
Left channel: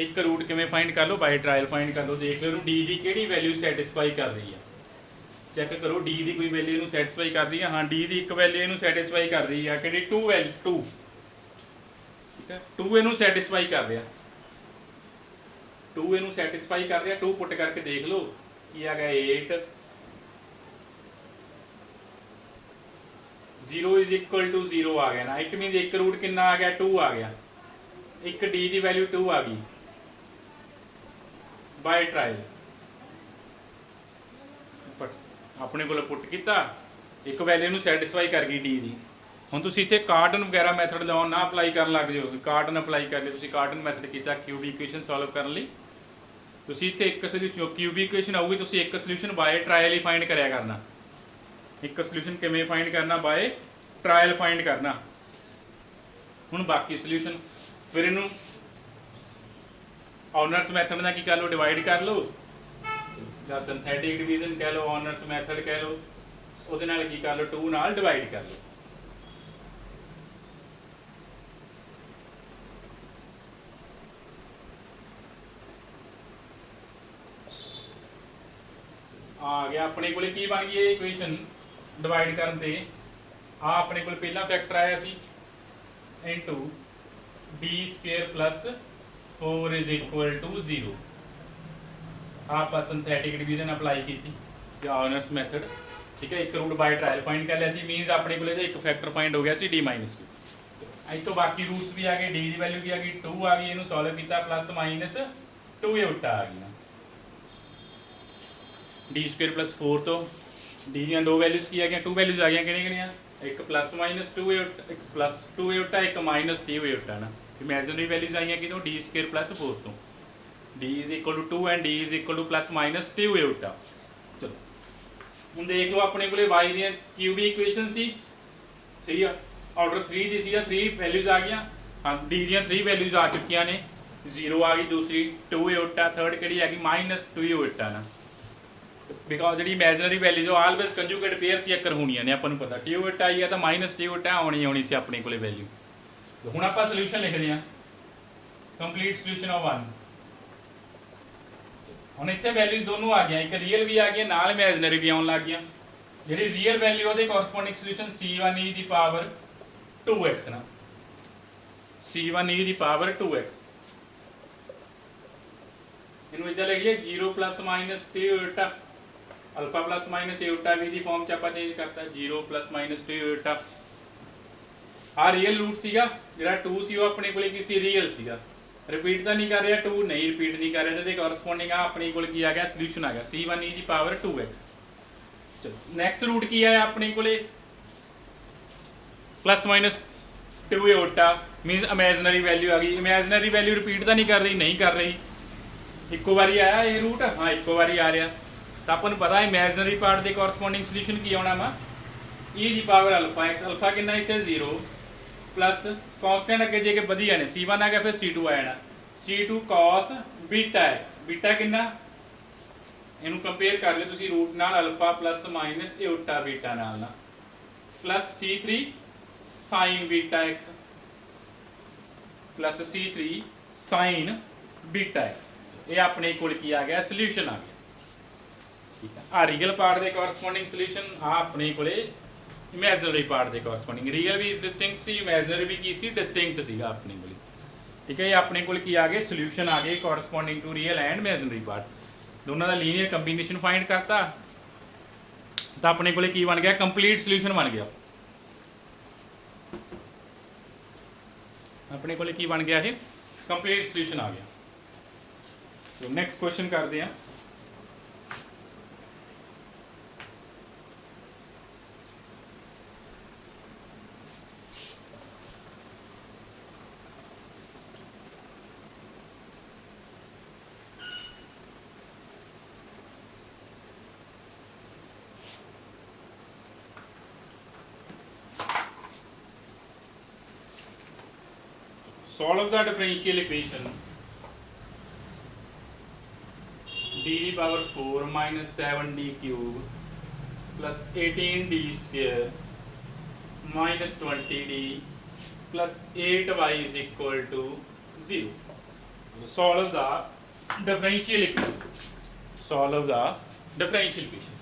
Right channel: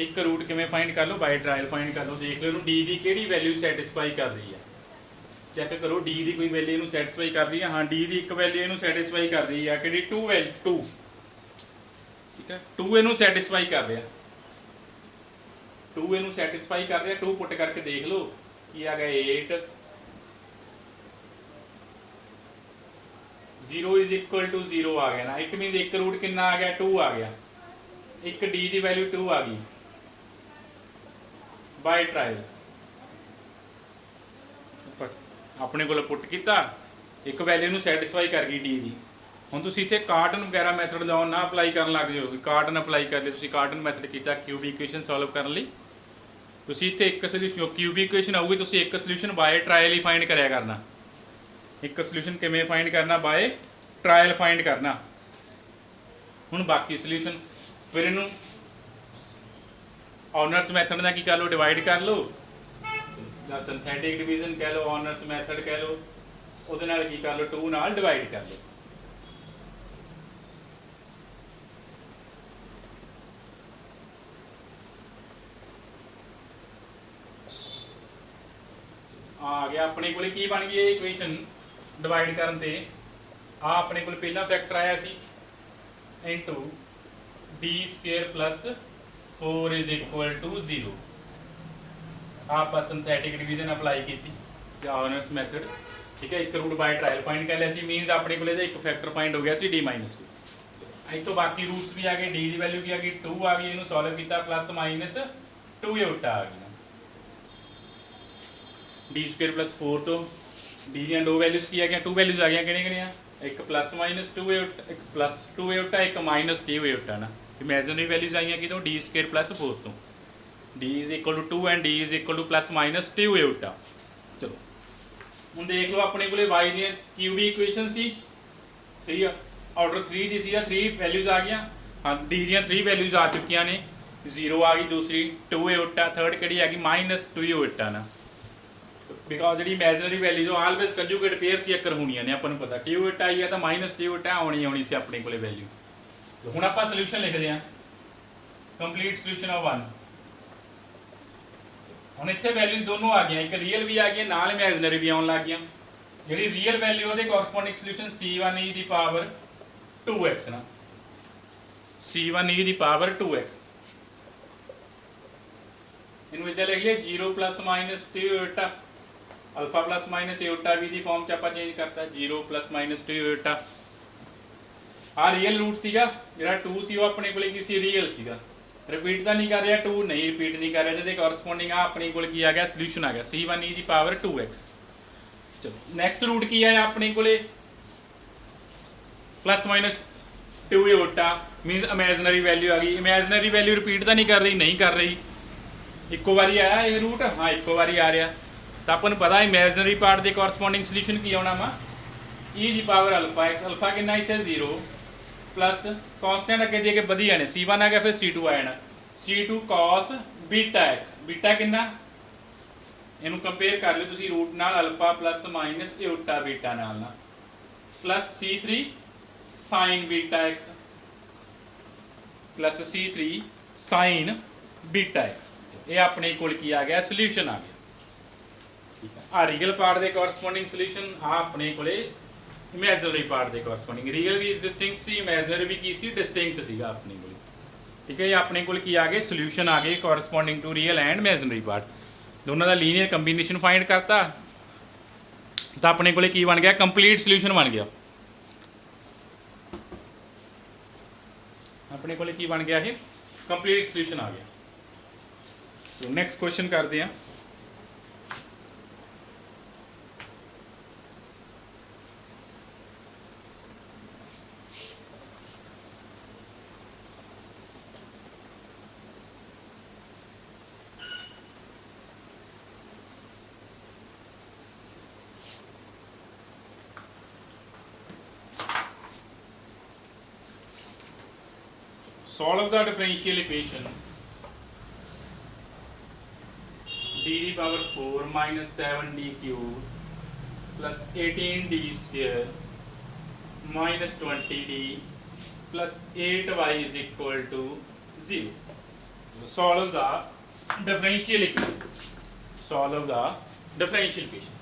एक रूट किवें फाइंड कर लो बाय ट्रायल फाइंड कर लो देख लो डी दी किहड़ी वैल्यू सैटिस्फाई कर रही है चैक करो डी दी कोई वैल्यू इहनूं सैटिस्फाई कर रही है हाँ डी दी एक वैल्यू इहनूं सैटिस्फाई कर रही है कि 2 वैल्यू 2 ठीक है 2 इनू सैटिस्फाई कर रहा 2 इनू सैटिस्फाई कर रहा 2 पुट करके देख लो कि आ गया 8 0 इज इक्वल टू 0 आ गया ना, इट मीन एक रूट कितना आ गया 2 आ गया, एक डी की वैल्यू 2 आ गई बाय ट्रायल अपने को पुट किया, एक वैल्यू ਨੂੰ ਸੈਟੀਸਫਾਈ ਕਰ ਗਈ डी ਦੀ। ਹੁਣ ਤੁਸੀਂ ਇੱਥੇ ਕਾਰਟਨ ਵਗੈਰਾ ਮੈਥਡ ਲਾਉਣ ਨਾ ਅਪਲਾਈ ਕਰਨ ਲੱਗ ਜਾਓ, ਕਾਰਟਨ ਅਪਲਾਈ ਕਰ ਲਿਓ ਤੁਸੀਂ, ਕਾਰਟਨ ਮੈਥਡ ਕੀਤਾ ਕਿਊਬਿਕ ਇਕੁਏਸ਼ਨ ਸੋਲਵ ਕਰਨ ਲਈ, ਤੁਸੀਂ ਇੱਥੇ ਇੱਕ ਸੋਲੂਸ਼ਨ ਕਿਊਬਿਕ ਇਕੁਏਸ਼ਨ ਆਊਗੀ, ਤੁਸੀਂ ਇੱਕ ਸੋਲੂਸ਼ਨ ਬਾਏ ਟਰਾਇਲ ਹੀ ਫਾਈਂਡ ਕਰਿਆ ਕਰਨਾ। ਇੱਕ ਸੋਲੂਸ਼ਨ ਕਿਵੇਂ ਫਾਈਂਡ ਕਰਨਾ, ਬਾਏ ਟਰਾਇਲ ਫਾਈਂਡ ਕਰਨਾ। ਹੁਣ ਬਾਕੀ ਸੋਲੂਸ਼ਨ ਫਿਰ ਇਹਨੂੰ ऑनर्स मैथड ਨਾਲ ਕੀ ਕਰ ਲਓ, ਡਿਵਾਈਡ ਕਰ ਲਓ, ਜਾਂ ਸਿੰਥੈਟਿਕ ਡਿਵੀਜ਼ਨ ਕਹਿ ਲਓ, ऑनर्स ਮੈਥਡ ਕਹਿ ਲਓ, ਉਹਦੇ ਨਾਲ ਕੀ ਕਰ ਲਓ 2 ਨਾਲ ਡਿਵਾਈਡ ਕਰ ਲਓ। आ गया अपने को की बन गई इक्वेशन डिवाइड करन ते आ अपने को पहला फैक्टर आया सी into D square plus 4 is equal to 0। आप सिंथेटिक डिवीजन अप्लाई की ऑनर्स मैथड, ठीक है। एक रूट बाय ट्रायल फाइंड कर लिया सी, मीनस अपने को एक फैक्टर फाइंड हो गया सी डी माइनस 2। अज तो बाकी रूट्स भी आ गए, डी की वैल्यू भी आ गई 2 आ गई, इन्हू सॉल्व किया प्लस माइनस 2 ये उल्टा आ गया, डी स्क्वेयर प्लस 4 तो डी दी दो वैल्यूज की आ गया, 2 वैल्यूज आ गई कि एक प्लस माइनस 2 एक प्लस 2 ए उल्टा, एक माइनस 2 ए उल्टा ना, इमेजिनरी वैल्यूज आई कि डी स्क्वेयर प्लस 4 तो D is equal to 2 and D is equal to plus minus 2 ए उल्टा। चलो हम देख लो अपने को वाई दी क्यूबी इक्वेशन सी 3 ऑर्डर 3 दी सी, 3 वैल्यूज आ गई। हाँ डी दी 3 वैल्यूज आ चुकी ने, 0 आ गई, दूसरी 2 ए उल्टा, थर्ड कि आ गई माइनस 2 ए उल्टा ना, बिकॉज जी imaginary values always conjugate pair चेकर होनी ने, अपन पता टी उल्टा आई है तो माइनस टी उल्टा आनी सी अपने को वैल्यू। हुण आप सोल्यूशन लिखते हैं कंप्लीट सोल्यूशन ऑफ 1। हुण इत्थे वैल्यूज दोनों आ गई, एक रियल भी आ गई नाल इमेजिनरी भी आउण लग गई। जी रियल वैल्यू वो कॉरसपोंडिंग सोल्यूशन C1e की पावर 2x ना, C1e की पावर 2x, इनू इधर लिख लिया 0 प्लस माइनस टी उल्टा अल्फा प्लस माइनस ए उल्टा भी दी फॉर्म च आप चेंज करता 0 प्लस माइनस 2 उल्टा। आ रियल रूट सीगा जिहड़ा 2 सी वो अपने कोले की सी रियल सीगा, रिपीट तो नहीं कर रहा 2 नहीं रिपीट नहीं कर रहा, तो कॉरसपोंडिंग आ अपने कोल की आ गया सोल्यूशन आ गया C1e की पावर 2x। चलो नैक्सट रूट की आया अपने कोले प्लस माइनस 2 ए उल्टा, मीनस इमेजिनरी वैल्यू आ गई, इमेजिनरी वैल्यू रिपीट तो नहीं कर रही, नहीं कर रही, इक्को बारी आया ये रूट, हाँ इक्को बारी आ रहा, तो अपन पता इमेजिनरी पार्ट के कॉरसपोंडिंग सोल्यूशन की आना वा ई की पावर अल्फा एक्स, अल्फा कितना इतने 0 प्लस कॉन्सटेंट अगे जे के वधिया ने C1 आ गया, फिर C2 आ जाना C2 cos beta x, beta कितना इनू कंपेयर कर लो तुसी रूट नाल अल्फा प्लस माइनस ए उल्टा बीटा नाल ना, plus C3 sign beta x plus C3 sign beta x, ये अपने कोल की आ गया सोल्यूशन आ गया। ठीक है, आ रियल पार्ट के कॉरसपोंडिंग सोल्यूशन, आ अपने कोले इमेजिनरी पार्ट के कॉरसपोंडिंग, रियल भी डिस्टिंक्ट सी, इमेजिनरी भी की सी डिस्टिंक्ट सीगा अपने कोल। ठीक है, ये अपने कोल की आ गए सोल्यूशन आ गए corresponding to real and imaginary part, दोनों का लीनियर कंबीनेशन फाइंड करता तो अपने कोले की बन गया कंप्लीट सोल्यूशन बन गया। अपने कोले की बन गया है कंप्लीट सोल्यूशन आ गया। तो नैक्सट क्वेश्चन करते हैं, solve the differential equation d power 4 minus 7d cube plus 18d square minus 20d plus 8y is equal to 0. Solve the differential equation. Solve the differential equation.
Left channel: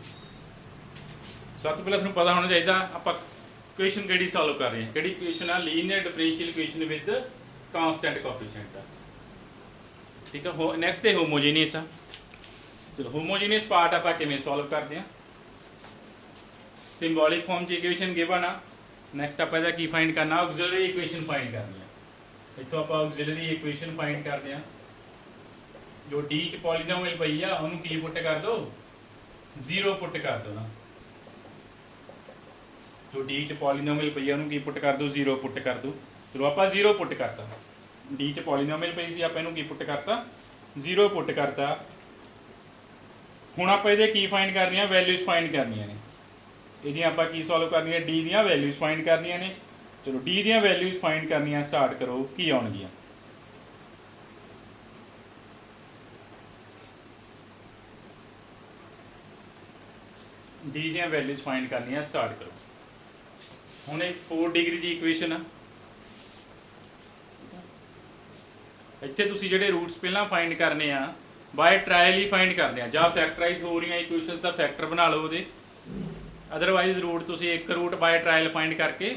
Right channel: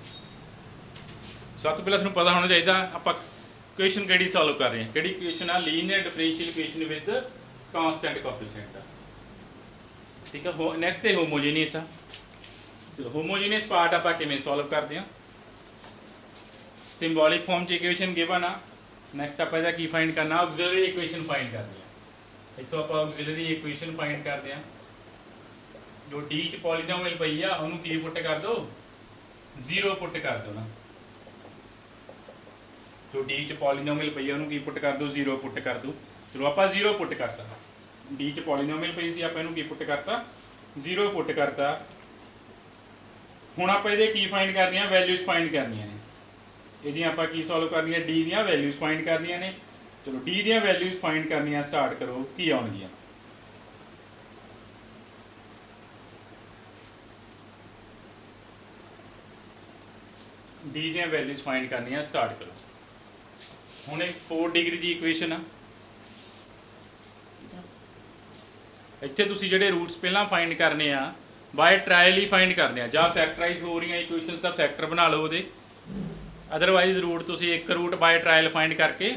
सब तो पहले तुहानूं पता होना चाहिए आप इक्वेशन किहड़ी सॉल्व कर रहे हैं, किहड़ी इक्वेशन आ linear differential equation with constant coefficient. ठीक है, नैक्सट है होमोजीनियस। चलो होमोजीनियस पार्ट आप किवें सॉल्व करते हैं, सिंबॉलिक फॉर्म च इक्वेशन गिवन आ ਨੈਕਸਟ ਆਪਾਂ ਇਹਦਾ ਕੀ ਫਾਈਂਡ ਕਰਨਾ, ਆਕਸਿਲਰੀ ਇਕੁਏਸ਼ਨ ਫਾਈਂਡ ਕਰਨੀ ਆ। ਇੱਥੋਂ ਆਪਾਂ ਆਕਸਿਲਰੀ ਇਕੁਏਸ਼ਨ ਫਾਈਂਡ ਕਰਦੇ ਆ। ਜੋ ਡੀ ਚ ਪੋਲੀਨੋਮੀਅਲ ਪਈ ਆ ਉਹਨੂੰ ਕੀ ਪੁੱਟ ਕਰ ਦੋ, 0 ਪੁੱਟ ਕਰ ਦੋ ਨਾ। ਜੋ ਡੀ ਚ ਪੋਲੀਨੋਮੀਅਲ ਪਈ ਆ ਉਹਨੂੰ ਕੀ ਪੁੱਟ ਕਰ ਦੋ, 0 ਪੁੱਟ ਕਰ ਦੋ। ਚਲੋ ਆਪਾਂ 0 ਪੁੱਟ ਕਰਤਾ। ਡੀ ਚ ਪੋਲੀਨੋਮੀਅਲ ਪਈ ਸੀ, ਆਪਾਂ ਇਹਨੂੰ ਕੀ ਪੁੱਟ ਕਰਤਾ, 0 ਪੁੱਟ ਕਰਤਾ। ਹੁਣ ਆਪਾਂ ਇਹਦੇ ਕੀ ਫਾਈਂਡ ਕਰਨੀਆਂ, ਵੈਲਿਊਜ਼ ਫਾਈਂਡ ਕਰਨੀਆਂ ਨੇ। ਇਹਦੀਆਂ ਆਪਾਂ ਕੀ ਸੋਲਵ ਕਰਨੀਆਂ, ਡੀ ਦੀਆਂ ਵੈਲਿਊਜ਼ ਫਾਈਂਡ ਕਰਨੀਆਂ ਨੇ। ਚਲੋ ਡੀ ਦੀਆਂ ਵੈਲਿਊਜ਼ ਫਾਈਂਡ ਕਰਨੀਆਂ ਸਟਾਰਟ ਕਰੋ, ਕੀ ਆਉਣਗੀਆਂ। ਡੀ ਦੀਆਂ ਵੈਲਿਊਜ਼ ਫਾਈਂਡ ਕਰਨੀਆਂ ਸਟਾਰਟ ਕਰੋ। ਹੁਣ ਇਹ 4 ਡਿਗਰੀ ਦੀ ਇਕੁਏਸ਼ਨ ਆ। ਇੱਥੇ ਤੁਸੀਂ ਜਿਹੜੇ ਰੂਟਸ ਪਹਿਲਾਂ ਫਾਈਂਡ ਕਰਨੇ ਆ ਬਾਏ ਟਰਾਇਲ ਹੀ ਫਾਈਂਡ ਕਰਨੇ ਆ, ਜਾਂ ਫੈਕਟਰਾਈਜ਼ ਹੋ ਰਹੀਆਂ ਇਕੁਏਸ਼ਨਸ ਦਾ ਫੈਕਟਰ ਬਣਾ ਲਓ ਉਹਦੇ। ਅਦਰਵਾਈਜ਼ ਰੂਟ ਤੁਸੀਂ ਇੱਕ ਰੂਟ ਬਾਏ ਟਰਾਇਲ ਫਾਈਂਡ ਕਰਕੇ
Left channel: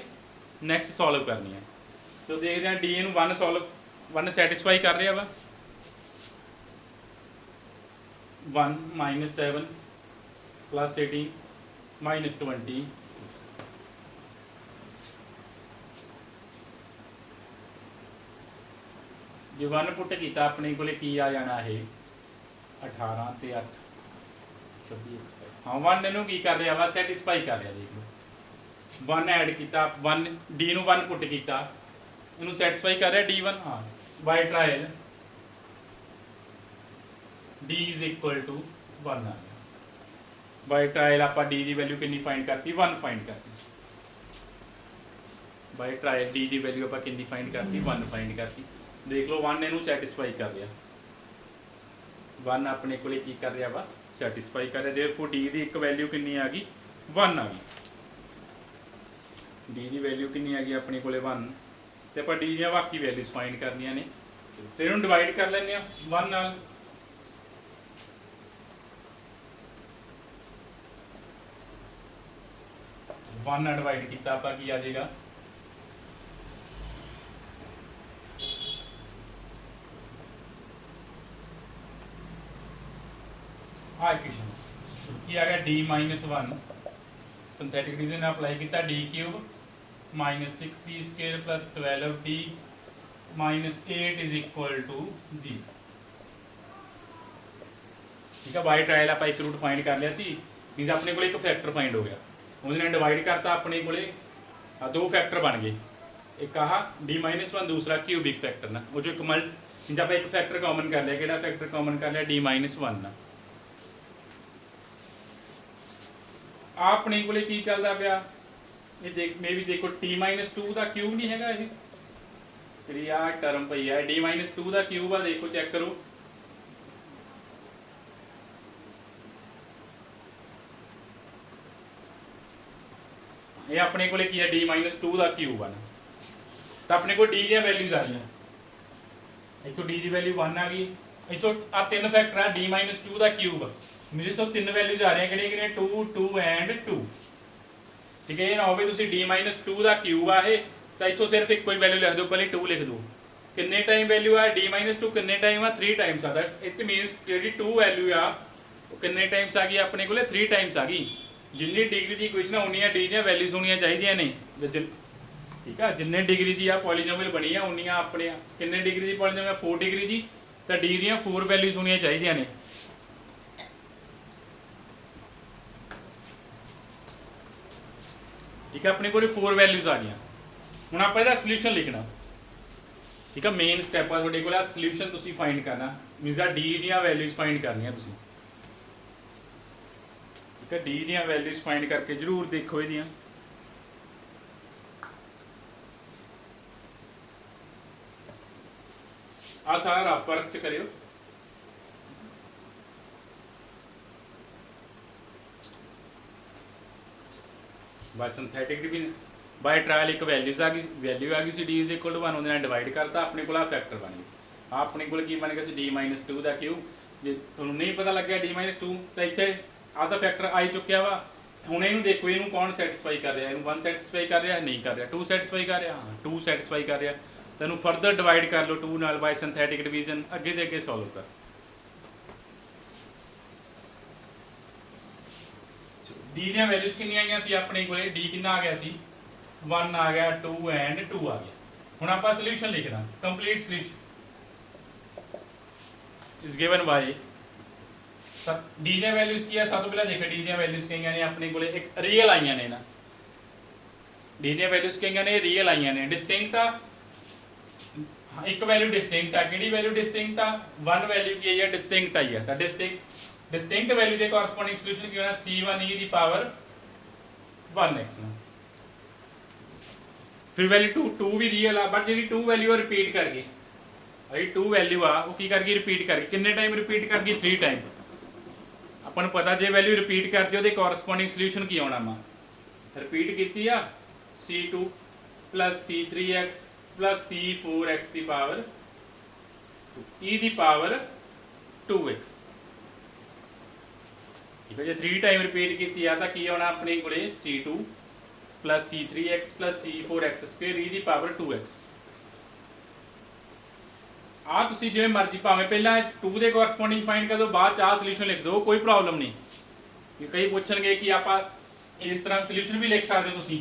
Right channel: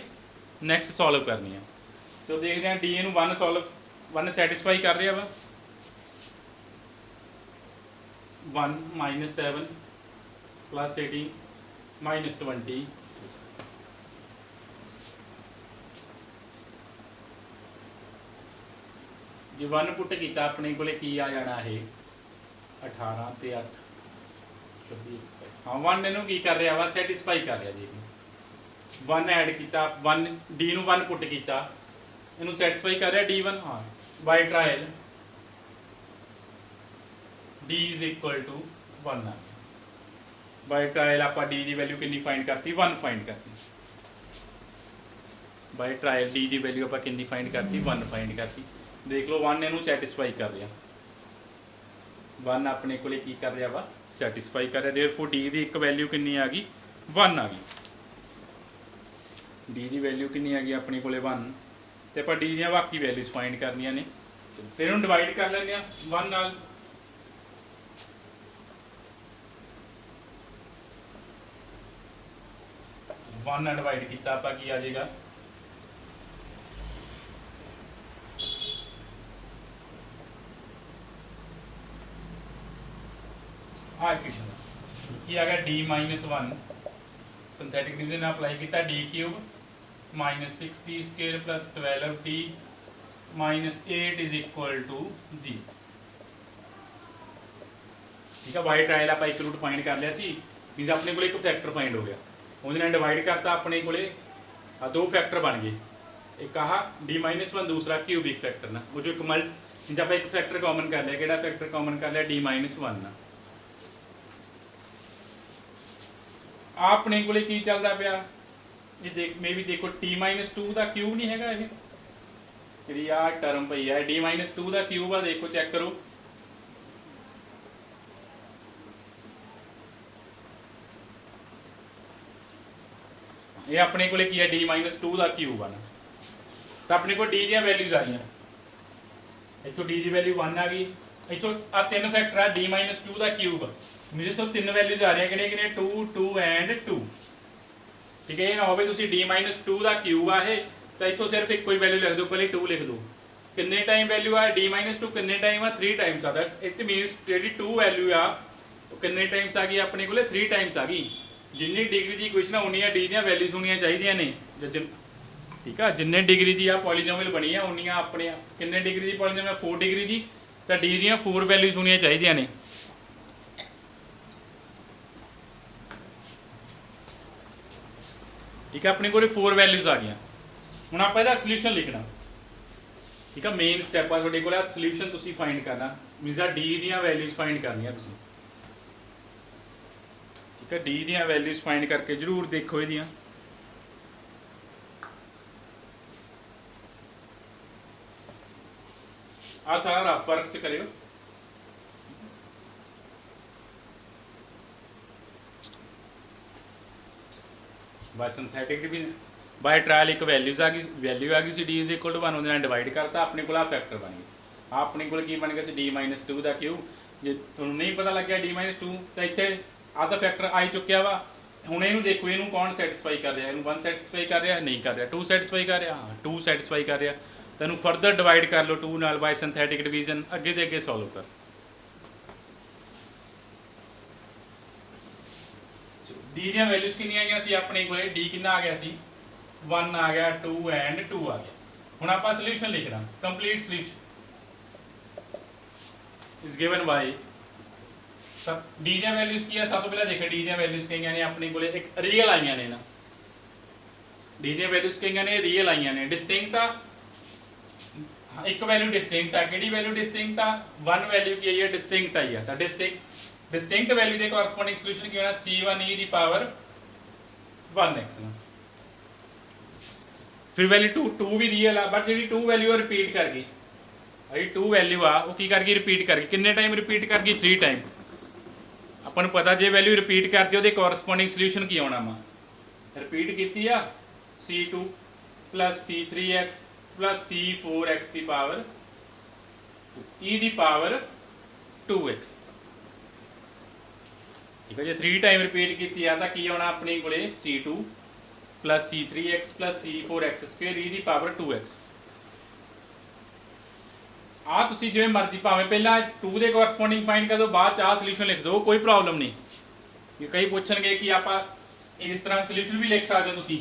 ਨੈਕਸਟ ਸੋਲਵ ਕਰਨੀ ਆ। ਤੋ ਦੇਖਦੇ ਹਾਂ ਡੀ ਨੂੰ 1 ਸੈਟੀਸਫਾਈ ਕਰ ਰਿਹਾ ਵਾ। 1 -7 +18 -20 ਜੇ 1 ਪੁੱਟ ਕੀਤਾ ਆਪਣੇ ਕੋਲੇ ਕੀ ਆ ਜਾਣਾ, ਇਹ 18 ਤੇ 8 26। ਹਾਂ 1 ਇਹਨੂੰ ਕੀ ਕਰ ਰਿਹਾ ਵਾ, ਸੈਟੀਸਫਾਈ ਕਰ ਰਿਹਾ। ਦੇਖ ਲਓ 1 ਐਡ ਕੀਤਾ, 1 ਡੀ ਨੂੰ 1 ਪੁੱਟ ਕੀਤਾ, ਇਹਨੂੰ ਸੈਟੀਸਫਾਈ ਕਰ ਰਿਹਾ D1। ਹਾਂ ਬਾਈ ਟਰਾਇਲ D = 1 ਆ। ਬਾਈ ਟਰਾਇਲ ਆਪਾਂ D ਦੀ ਵੈਲਿਊ ਕਿੰਨੀ ਫਾਈਂਡ ਕਰਤੀ, 1 ਫਾਈਂਡ ਕਰਤੀ। ਬਾਈ ਟਰਾਇਲ D ਦੀ ਵੈਲਿਊ ਆਪਾਂ ਕਿੰਨੀ ਫਾਈਂਡ ਕਰਤੀ, 1 ਫਾਈਂਡ ਕਰਤੀ। ਦੇਖ ਲਓ 1 ਇਹਨੂੰ ਸੈਟੀਸਫਾਈ ਕਰ ਰਿਹਾ, 1 ਆਪਣੇ ਕੋਲੇ ਕੀ ਕਰ ਰਿਹਾ ਵਾ, ਸੈਟੀਸਫਾਈ ਕਰ ਰਿਹਾ। ਦੇਅਰਫੋਰ D ਦੀ ਇੱਕ ਵੈਲਿਊ ਕਿੰਨੀ ਆ ਗਈ, 1 ਆ ਗਈ। D ਦੀ ਵੈਲਿਊ ਕਿੰਨੀ ਆ ਗਈ ਆਪਣੇ ਕੋਲੇ, 1। ਤੇ ਆਪਾਂ D ਦੀਆਂ ਬਾਕੀ ਵੈਲਿਊਜ਼ ਫਾਈਂਡ ਕਰਨੀਆਂ ਨੇ। ਫਿਰ ਇਹਨੂੰ ਡਿਵਾਈਡ ਕਰ ਲੈਂਦੇ ਆ 1 ਨਾਲ। वन ਨਾਲ ਡਿਵਾਈਡ ਕੀਤਾ ਆਪਾਂ ਕੀ ਆ ਜਾਏਗਾ, ਆ ਇਕੁਏਸ਼ਨ ਕੀ ਆ ਗਿਆ, D-1 ਸਿੰਥੈਟਿਕ ਡਿਵੀਜ਼ਨ ਅਪਲਾਈ ਕੀਤਾ, D³ -6D² + 12D -8 = 0। ठीक है, बाई ट्रायल आप एक रूट फाइंड कर लिया सी, मीनस अपने को एक फैक्टर फाइंड हो गया, उन्होंने डिवाइड करता अपने को 2 फैक्टर बन गए, एक आह D-1 दूसरा क्यूबिक फैक्टर ना, वो जो एक जब आप एक फैक्टर कॉमन कर लिया, कि फैक्टर कॉमन कर लिया D-1 ना, अपने को की चलता पाया ये देख मे भी देखो T-2 का क्यूब नहीं है ये जी आ टर्म पई है D-2 का क्यूब आ, देखो चेक करो ये अपने को की है D-2 का क्यूब है ना, तो अपने को D दी वैल्यूज आ गई, इतों D की वैल्यू 1 आ गई, इतों आ 3 फैक्टर है D-2 का क्यूब, मेरे तो 3 वैल्यूज आ रही है कि 2 2 एंड 2। ठीक है, ये ना हो D-2 का क्यूब आ, तो इतों सिर्फ एक कोई वैल्यू लिख दो, पहले 2 लिख दो, कितने टाइम वैल्यू आ D-2 कितने टाइम आ 3 टाइम्स आता है, इट मीनस जी 2 वैल्यू आ तो कितने टाइम्स आ गई अपने को 3 टाइम्स आ गई, जिन्नी डिग्री की इक्वेशन उन्नियां डी दी वैल्यूज होनी चाहिए ने। ठीक है, जिन्ने डिग्री की आ पॉलीनोमियल बनी है उन्नियां अपने कितने डिग्री की पॉलीनोमियल 4 डिग्री की, तो डी दी 4 वैल्यूज होनी चाहिए ने। ठीक है, अपने को 4 वैल्यूज आ गई, हुण आपां इहदा सॉल्यूशन लिखना। ठीक है, मेन स्टैप आ तुहाडे कोल सॉल्यूशन तुसीं फाइंड करना, मीनस आ डी दी वैल्यूज फाइंड करनियां तुसीं। ठीक है, डी दी वैल्यूज फाइंड करके जरूर देखो ये आ सारा रफ वर्क च करियो। Bye synthetic division by trial एक वैल्यूज आ गई, वैल्यू आ गई सी D = 1, उन्होंने डिवाइड करता, अपने को फैक्टर बन गए, अपने को बन गया D-2 का क्यूब। जे तुहानूं नहीं पता लग गया D-2 तो इत्थे आ तो फैक्टर आ चुकिया वा, हुण इहनूं देखो इहनूं कौन सैटिस्फाई कर रहा है, 1 सैटिस्फाई कर रहा नहीं कर रहा, 2 सैटिस्फाई कर रहा, हाँ 2 सैटिस्फाई कर रहा, तो इहनूं फरदर डिवाइड कर लो 2 नाल बाय सिंथेटिक डिवीजन, अगे दे अगे सॉल्व कर। डी दी वैल्यूज कितनी आई सी अपने को, डी कितना आ गया सी 1 आ गया 2 एंड 2 आ गया। हुण आपां सोल्यूशन लिखना complete solution is given bye D दी वैल्यूज की है। सब तो पहले देखो डी दी वैल्यूज कई ने अपने को एक रियल आईयां ने ना डी दी वैल्यूज कई ने रियल आईयां ने डिस्टिंक्ट आ एक वैल्यू डिस्टिंक्ट आ किहड़ी वैल्यू डिस्टिंक्ट आ 1 वैल्यू की आई है डिस्टिंक्ट आई है तो डिस्टिंक्ट वैल्यू के कॉरस्पॉन्डिंग सॉल्यूशन की होना c1 e दी पावर 1x ना फिर वैल्यू 2 भी रियल आ बट जी 2 वैल्यू रिपीट कर गई अभी 2 वैल्यू आ वो की कर गई रिपीट कर गई किन्ने टाइम रिपीट कर गई 3 टाइम अपन पता जे वैल्यू रिपीट कर दी वो कॉरस्पॉन्डिंग सॉल्यूशन की आना वा रिपीट की आ c2 plus c3x plus c4x की पावर e दी पावर 2x ठीक है जो 3 टाइम रिपीट की तो की आना अपने को c2 plus c3x plus c4x square e दी पावर 2x आ तुसी जिवें मर्जी भावें पहला 2 दे कॉरस्पॉन्डिंग फाइंड कर दो बाद आ सोल्यूशन लिख दो कोई प्रॉब्लम नहीं कई पूछणगे कि आप इस तरह सोल्यूशन भी लिख सकते हो तुसी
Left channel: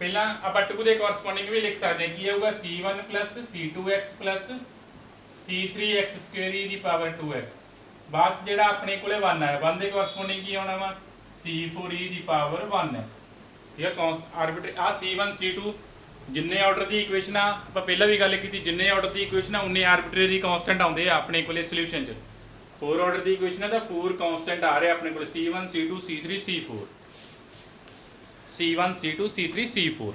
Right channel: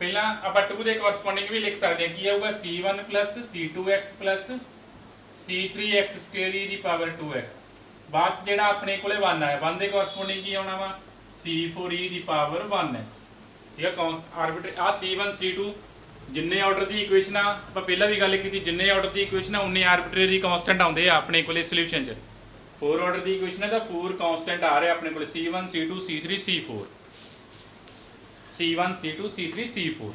पहला आप 2 दे कॉरस्पॉन्डिंग भी लिख सकते हैं कि आऊगा c1 plus c2x plus c3x square e दी पावर 2x बाद जेड़ा अपने कोले 1 आया 1 दे कॉरस्पॉन्डिंग की आना वा c4 e दी पावर 1x ठीक है आर्बिट्रेरी आ c1 c2 जिन्ने ऑर्डर की इक्वेशन आप पहला भी गल की जिन्ने ऑर्डर की इक्वेशन उन्ने आर्बिट्रेरी कॉन्स्टेंट आते हैं अपने को सोल्यूशन 4 ऑर्डर की इक्वेशन है तो 4 कॉन्स्टेंट आ रहे अपने को c1 c2 c3 c4 c1 c2 c3 c4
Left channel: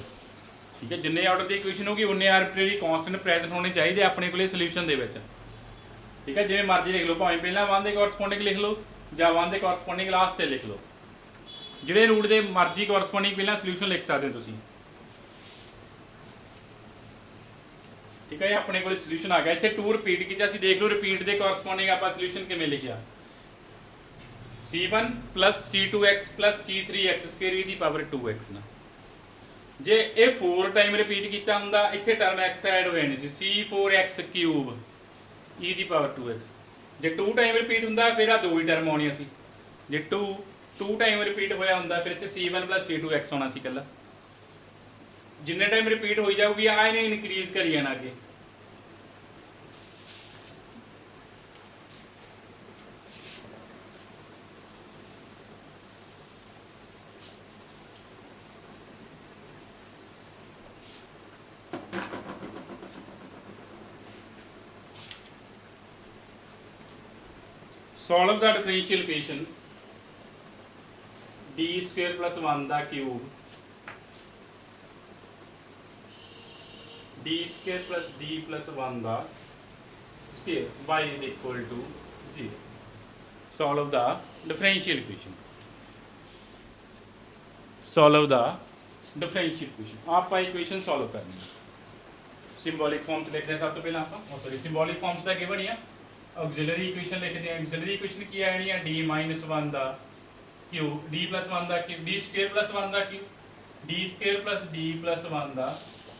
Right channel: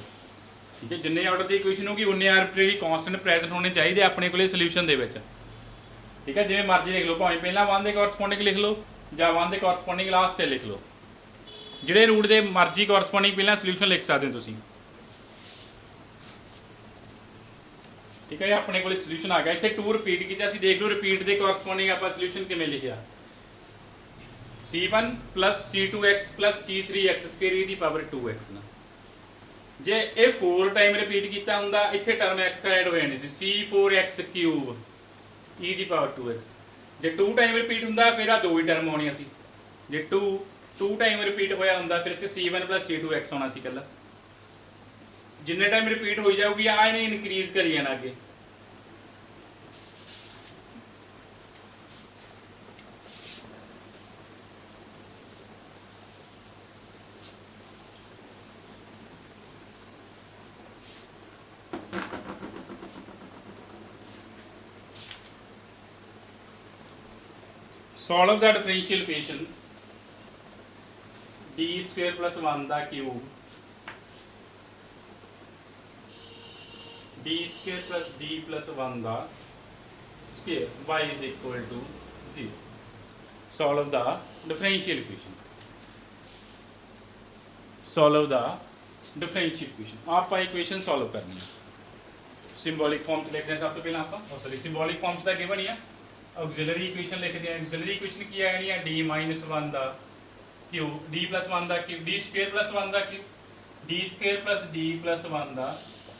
ठीक है जिन्ने ऑर्डर की इक्वेशन होगी उन्ने आर्बिट्रेरी कॉन्स्टेंट प्रेजेंट होने चाहिए अपने को सोल्यूशन के ठीक है जिवें मर्जी लिख लो भावें पहला 1 के कॉरस्पॉन्डिंग लिख लो या 1 के कॉरस्पॉन्डिंग लास्ट से लिख लो जिहड़े रूट के मर्जी कॉरस्पॉन्डिंग पहला सोल्यूशन लिख सकते हो तुसीं ठीक है अपने को सोल्यूशन आ गया इतने 2 रिपीट किया देख लो रिपीट के कॉरस्पॉन्डिंग आप सोल्यूशन किमें लिखिया c1 plus c2x plus c3x square e दी पावर 2x ना जे ये 4 टाइम रिपीट किया होंदा इत्थे टर्म एक्स्ट्रा ऐड हो जानी सी c4x क्यूब e दी पावर 2x जे 2 टाइम रिपीट होंदा फिर आ 2 ही टर्म आउणियां सी जे 2 टाइम रिपीट होया होंदा फिर इत्थे c1 प्लस c2x होना सी कल्ला जिन्ने टाइम रिपीट हो जाऊगी आ इन्हें इनक्रीज करी जाना अगे solve the differential equation d square plus 1 दा cube d square plus d plus 1 दा square y is equal to 0 solve the differential equation solve the differential equation आप इक्वेशन सॉल्व करनी है सिंबॉलिक फॉर्म च लिखते हैं सब तो पहले आप सॉरी सिंबॉलिक फॉर्म च गिवन ही है ऑक्सिलरी इक्वेशन लिखते हैं ऑक्सिलरी इक्वेशन की है d माइनस 1 दा क्यूब d प्लस 1 दा क्यूब d स्क्वायर प्लस 1 दा cube d square plus d plus 1 दा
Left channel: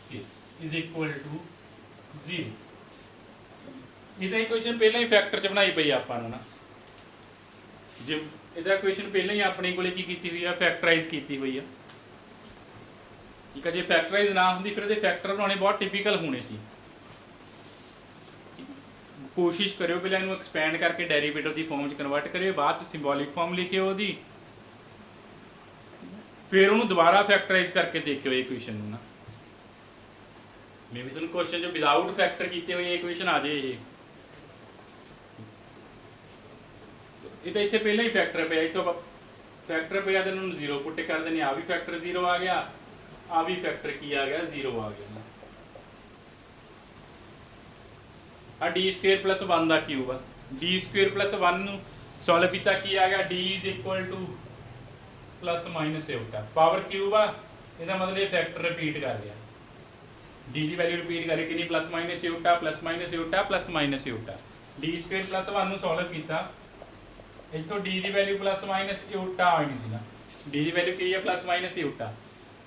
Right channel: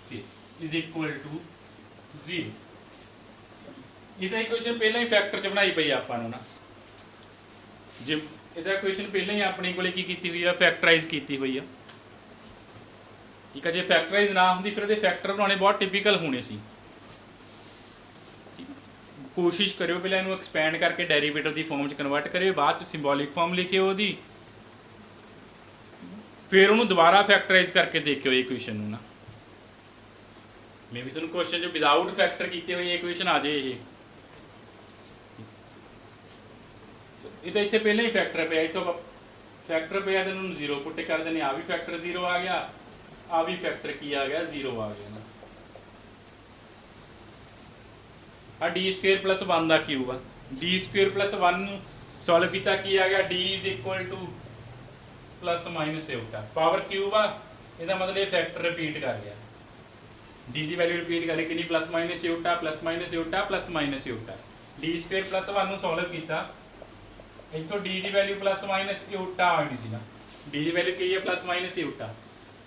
क्यूब इज इक्वल टू 0 ਇਹਦਾ ਇਕੁਏਸ਼ਨ ਪਹਿਲਾਂ ਹੀ ਫੈਕਟਰ ਚ ਬਣਾਈ ਪਈ ਆਪਾਂ ਨੂੰ ਨਾ ਜੇ ਇਹਦਾ ਇਕੁਏਸ਼ਨ ਪਹਿਲਾਂ ਹੀ ਆਪਣੇ ਕੋਲੇ ਕੀ ਕੀਤੀ ਹੋਈ ਆ ਫੈਕਟਰਾਈਜ਼ ਕੀਤੀ ਹੋਈ ਆ ਠੀਕ ਹੈ ਜੇ ਫੈਕਟਰਾਈਜ਼ ਨਾ ਹੁੰਦੀ ਫਿਰ ਇਹਦੇ ਫੈਕਟਰ ਬਣਾਉਣੇ ਬਹੁਤ ਟਿਪੀਕਲ ਹੋਣੇ ਸੀ कोशिश करो पहले इन्हू एक्सपैंड करके डेरिवेटिव की फॉर्म च कन्वर्ट करियो बाद सिंबॉलिक फॉर्म लिखियो ਉਹਦੀ फिर ਉਹਨੂੰ दोबारा फैक्टराइज करके देखियो इक्वेशन ਨੂੰ ना मे भी ਤੁਹਾਨੂੰ क्वेश्चन जो विदाउट फैक्टर किए हुए इक्वेशन आ जाए ये तो इतने पहले ही फैक्टर पे इतों फैक्टर पे तो इन्होंने 0 पुट कर देने आ भी फैक्टर 0 आ गया आ भी फैक्टर की आ गया 0 आ गया आ d स्क्वेयर प्लस 1 का क्यूब आ d स्क्वेयर प्लस 1 सॉल्व किया की आ गया d is equal to plus minus उल्टा पावर क्यूब आ इसका मतलब ये फैक्टर रिपीट कर गया d की वैल्यू रिपीट कर कि प्लस माइनस उल्टा प्लस माइनस उल्टा प्लस माइनस उल्टा d स्क्वेयर प्लस 1 सॉल्व किया इतों d की वैल्यू प्लस माइनस उल्टा आ नहीं सी ना d की वैल्यू की है प्लस माइनस उल्टा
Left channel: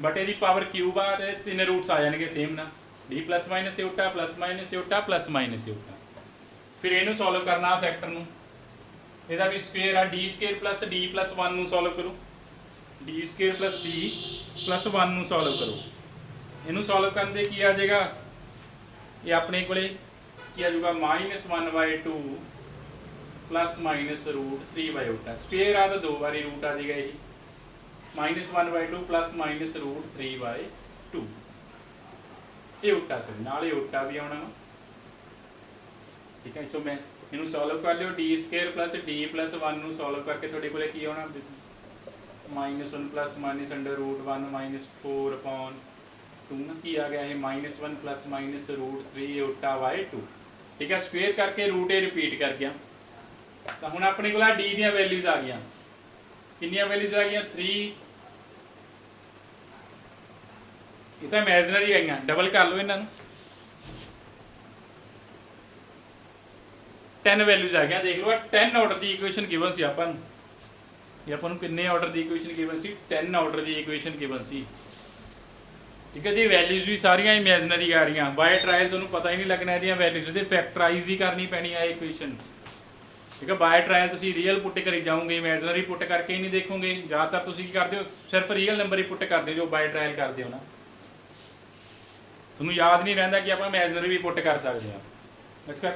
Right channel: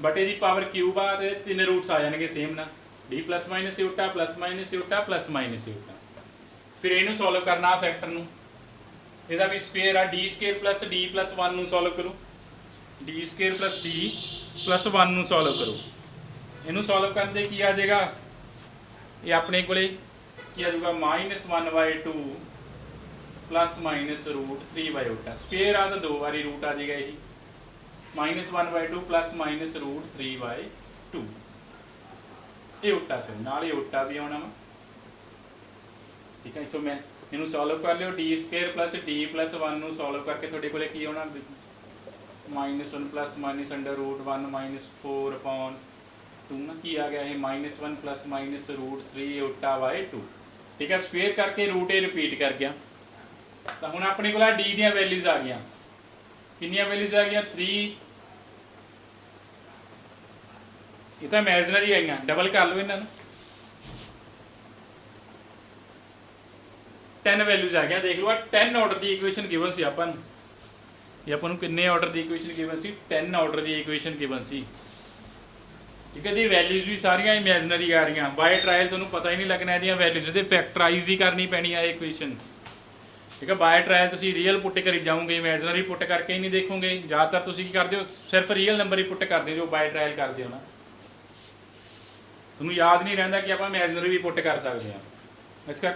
बट ये पावर क्यूब आ तो 3 रूट्स आ जाएंगे सेम ना d प्लस माइनस उल्टा प्लस माइनस उल्टा प्लस माइनस उल्टा फिर इनू सॉल्व करना फैक्टर नू ਇਹਦਾ भी स्क्वेयर आ d square plus d plus 1 solve करूँ D square plus D plus 1 ਨੂੰ ਸੋਲਵ ਕਰੋ। ਇਹਨੂੰ ਸੋਲਵ ਕਰਨ ਦੇ ਕੀ ਆ ਜਾਏਗਾ, ਇਹ ਆਪਣੇ ਕੋਲੇ ਕੀ ਆ ਜਾਊਗਾ -1/2 प्लस माइनस रूट 3/2 स्क्वेयर आ तो दो बारी रूट आ जाएगा यही -1/2 प्लस माइनस रूट 3/2 ये उल्टा सर नाल ही उल्टा भी आना वा। ठीक है तो मैं इनू सॉल्व कर लियो D square plus D plus 1 ਨੂੰ सॉल्व करके थोड़े को की आना -1 प्लस माइनस अंडर रूट 1 -4/2 ना की आ गया है -1 प्लस माइनस रूट 3/2। ठीक है स्क्वेयर करके रूट ए रिपीट कर गया तो हुण अपने को डी दी वैल्यूज आ गई कितनी वैल्यूज आ गई 3 ये तो इमेजनरी आई डबल कर लो इन्हों 10 वैल्यूज आ गई देख लो 10 ऑर्डर की इक्वेशन गिवन सी अपन ये अपन किन्ने ऑर्डर की इक्वेशन गिवन सी 10 ऑर्डर की इक्वेशन गिवन सी। ठीक है जी वैल्यूज भी सारिया इमेजनरी आ रही बाय ट्रायल तुहानूं पता ही नहीं लगना ये वैल्यूज तो फैक्टराइज ही करनी पैनी है इक्वेशन। ठीक है बाय ट्रायल तुसीं रियल पुट करी जाओगे इमेजनरी पुट करके ही नहीं देखोगे ज़्यादातर तुसीं की करते हो सिर्फ रियल नंबर ही पुट करते जो बाय ट्रायल करते हो ना तुहानूं याद नहीं रहिंदा कि आप इमेजनरी भी पुट कर सकते हैं। इस कर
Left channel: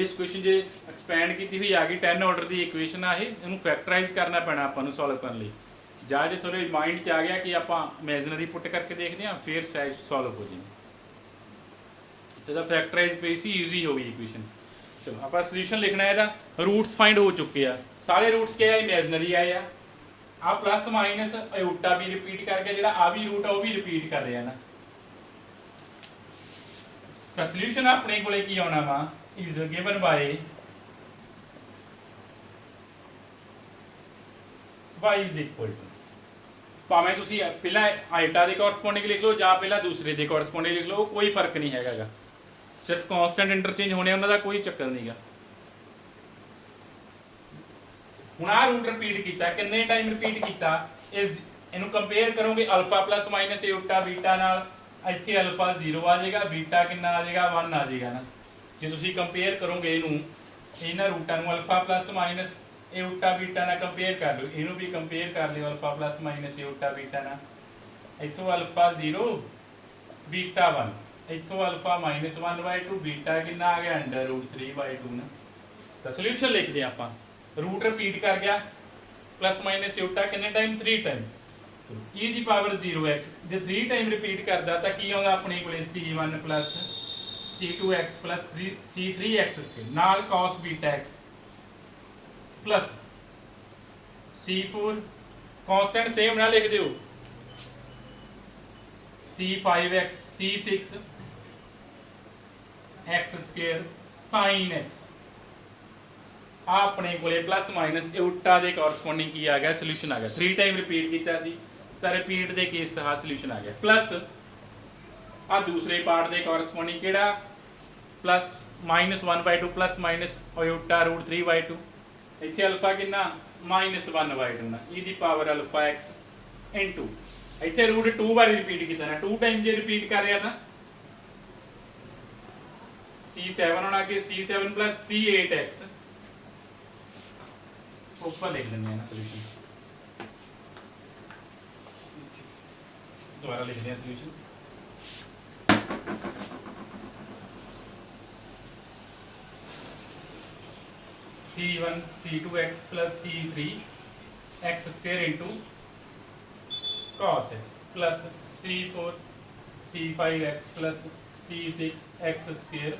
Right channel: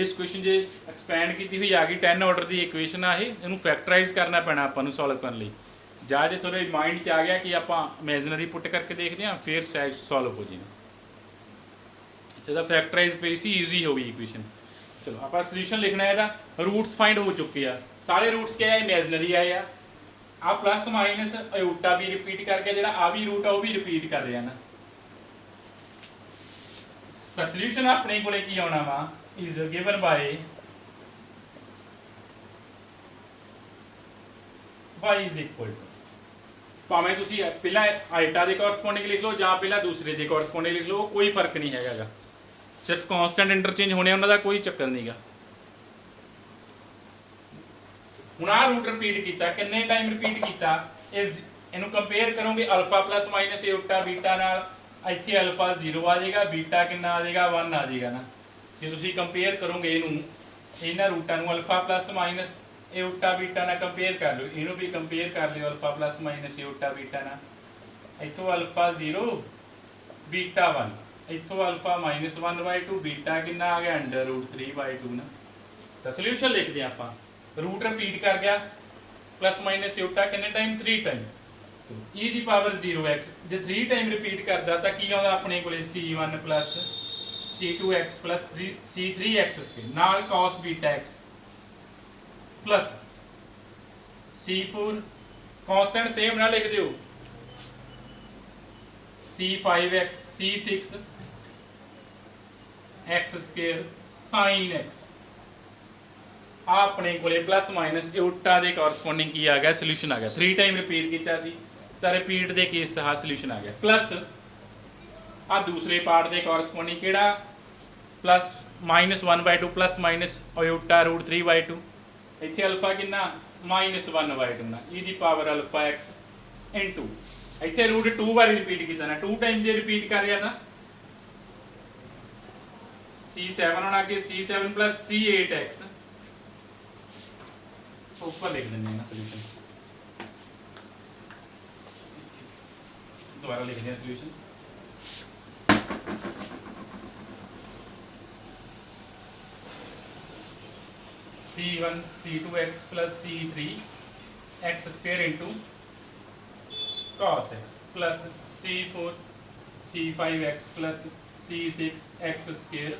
इस क्वेश्चन जो एक्सपैंड की हुई आ गई 10 ऑर्डर की इक्वेशन आ इनू फैक्टराइज करना पैना आपां सॉल्व करने लई ਜਾਂ जे थोड़े माइंड च आ गया कि आप इमेजनरी पुट करके देखते हैं फिर सैज सॉल्व हो जाए इतना फैक्टराइज पे सी ईजी हो गई इक्वेशन। चलो आप सोल्यूशन लिखना है रूट्स फाइंड हो चुके हैं सारे रूट्स क्या है इमेजनरी आए आ प्लस माइनस अयोटा भी रिपीट करके जो आ भी रूट है वह भी रिपीट कर रहे हैं ना तो सोल्यूशन अपने को की आना वा is given by y is equal to भावें तुसीं पहला आइटा के कोरसपोंडिंग लिख लो या पहला दूसरे के कोरसपोंडिंग लिख लो कोई फर्क नहीं है सिर्फ कॉन्सटेंट इंटरचेंज होने उन्होंने कोई चक्कर नहीं गा। हुण आ रूट रिपीट किया कितने टाइम रिपीट किया इस इनू कंपेयर करोगे अल्फा प्लस माइनस एटा बीटा नाल इत्थे अल्फा 0 आ जाएगा बीटा कितना आ जाएगा 1 आ जाएगा ना जो तुसीं कंपेयर करोगे इनू इन्हां रूटां नू अल्फा प्लस माइनस एटा बीटा ना कंपेयर कर लो इनू भी कंपेयर कर लियो अल्फा प्लस माइनस एटा बीटा ना इत्थों अल्फा 0 बीटा 1 इत्थों अल्फा -1/2 बीटा कितना आ गया अंडर रूट 3/2 ना तो सोल्यूशन लिख दें आप रूट रिपीट कर गया प्लस माइनस एटा कितने टाइम 3 टाइम तो e दी पावर 0x जो 3 टाइम रिपीट करता तो की आता अपने को c1 plus c2x plus c3x नाल cos beta x plus c4 constant same ना लिख दियो c5x c6 x square sin x अपने को प्लस माइनस उल्टा के कॉरसपोंडिंग की आ गया सोल्यूशन आ गया 3 टाइम रिपीट किया तो रिपीट के केस हा सोल्यूशन आ गया प्लस आ दूसरे पार्ट के कॉरसपोंडिंग केड़ा plus -1/2 plus minus iota root 3/2 इत्थे अल्फा कितना -1/2 ना ई दी पावर अल्फा x इनटू इत्थे रूट 2 बार रिपीट किया ना 2 टाइम जे रिपीट कर रहा था c7 होना कि c7 प्लस c8x ऊपर लिख देंगे ना सोल्यूशन दोबारा लिख दें solution c1 c2x plus c3 x square into cos x plus c4 c5x plus c6 x square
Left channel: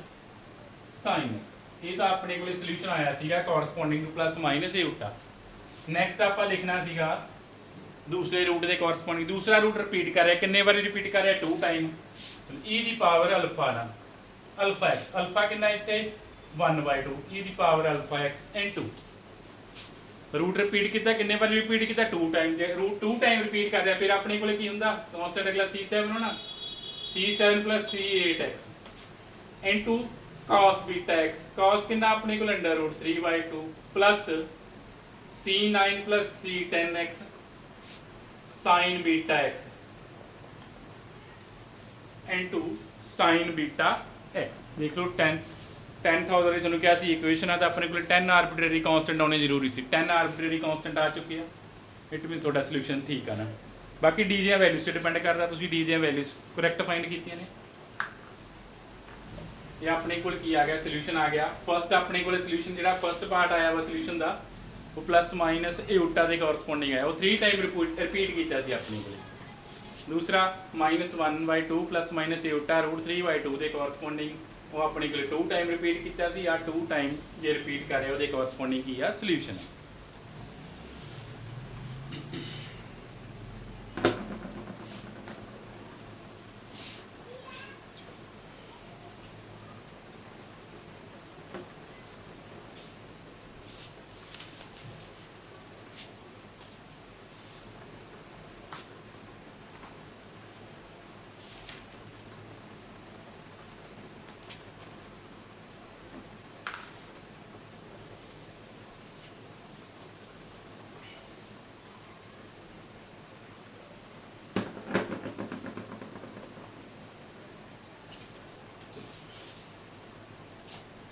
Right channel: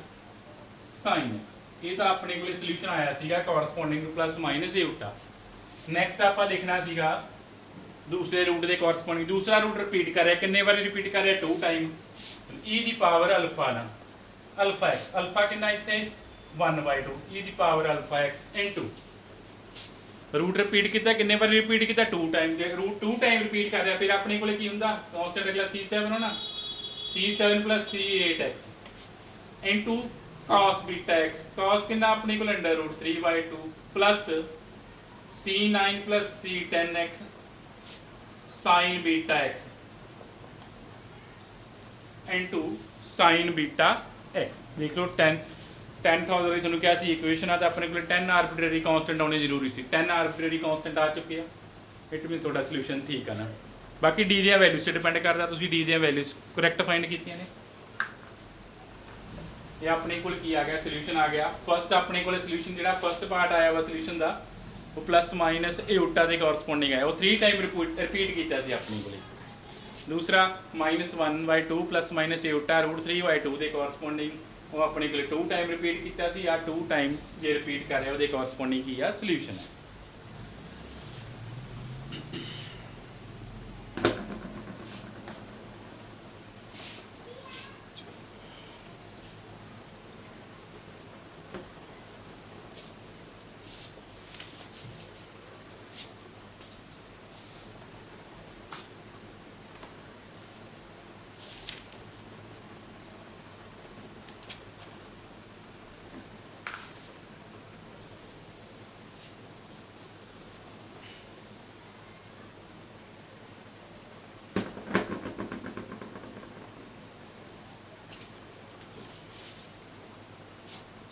sin x ये तो अपने को सोल्यूशन आया सीगा कॉरसपोंडिंग टू प्लस माइनस ए उठा। नैक्सट आप लिखना सीगा दूसरे रूट के कॉरसपोंडिंग दूसरा रूट रिपीट कर रहा है कितने बार रिपीट कर रहा है 2 टाइम ई दी पावर अल्फा ना अल्फा एक्स अल्फा कितना इतने 1/2 ई दी power alpha x into root repeat किया कितने बार रिपीट किया 2 टाइम जो रूट 2 टाइम रिपीट कर रहा फिर अपने को की होंगे कॉन्स्टेंट अगला c7 होना c7 plus c8x into cos beta x cos कितना अपने को under root 3/2 plus c9 plus c10x sin beta x into sin beta x देख लो 10,000 की थोड़ा क्या सी इक्वेशन है तो अपने को 10 आर्बिट्रेरी कांस्टेंट आने जरूरी सी 10 आर्बिट्रेरी कांस्टेंट आ चुके हैं इट मीनस ਤੁਹਾਡਾ ਸੋਲੂਸ਼ਨ ठीक है ना। बाकी डी ਦੀਆਂ ਵੈਲਿਊਜ਼ ਤੇ ਡਿਪੈਂਡ ਕਰਦਾ ਤੁਸੀਂ डी ਦੀਆਂ ਵੈਲਿਊਜ਼ ਕਰੈਕਟ ਫਾਈਂਡ ਕੀਤੀਆਂ ਨੇ। ਇਹ ਆਪਣੇ ਕੋਲ ਕੀ ਆ ਗਿਆ ਸੋਲੂਸ਼ਨ ਆ ਗਿਆ। ਫਸਟ ਆਪਣੇ ਕੋਲੇ ਸੋਲੂਸ਼ਨ ਜਿਹੜਾ ਫਸਟ ਪਾਰਟ ਆਇਆ ਵਾ ਸੋਲੂਸ਼ਨ ਦਾ ਉਹ ਪਲੱਸ ਮਾਈਨਸ ਏਓਟਾ ਦੇ ਕੋਰਸਪੋਂਡਿੰਗ ਹੈ, ਉਹ 3 ਟਾਈਮ ਰਿਪੀਟ ਕੀਤਾ ਸੀ ਆਪਣੇ ਕੋਲੇ। दूसरा -1/2 प्लस माइनस एटा √3/2 ਦੇ ਕੋਰਸਪੋਂਡਿੰਗ ਉਹ ਆਪਣੇ ਕੋਲ 2 ਟਾਈਮ ਰਿਪੀਟ ਕੀਤਾ ਸੀ। ਆ 2 ਟਾਈਮ ਜੇ ਰਿਪੀਟ ਕਰ ਰਿਹਾ ਉਹਦੇ ਕੋਰਸਪੋਂਡਿੰਗ ਕੀ ਆ ਸੋਲੂਸ਼ਨ ਹੈ।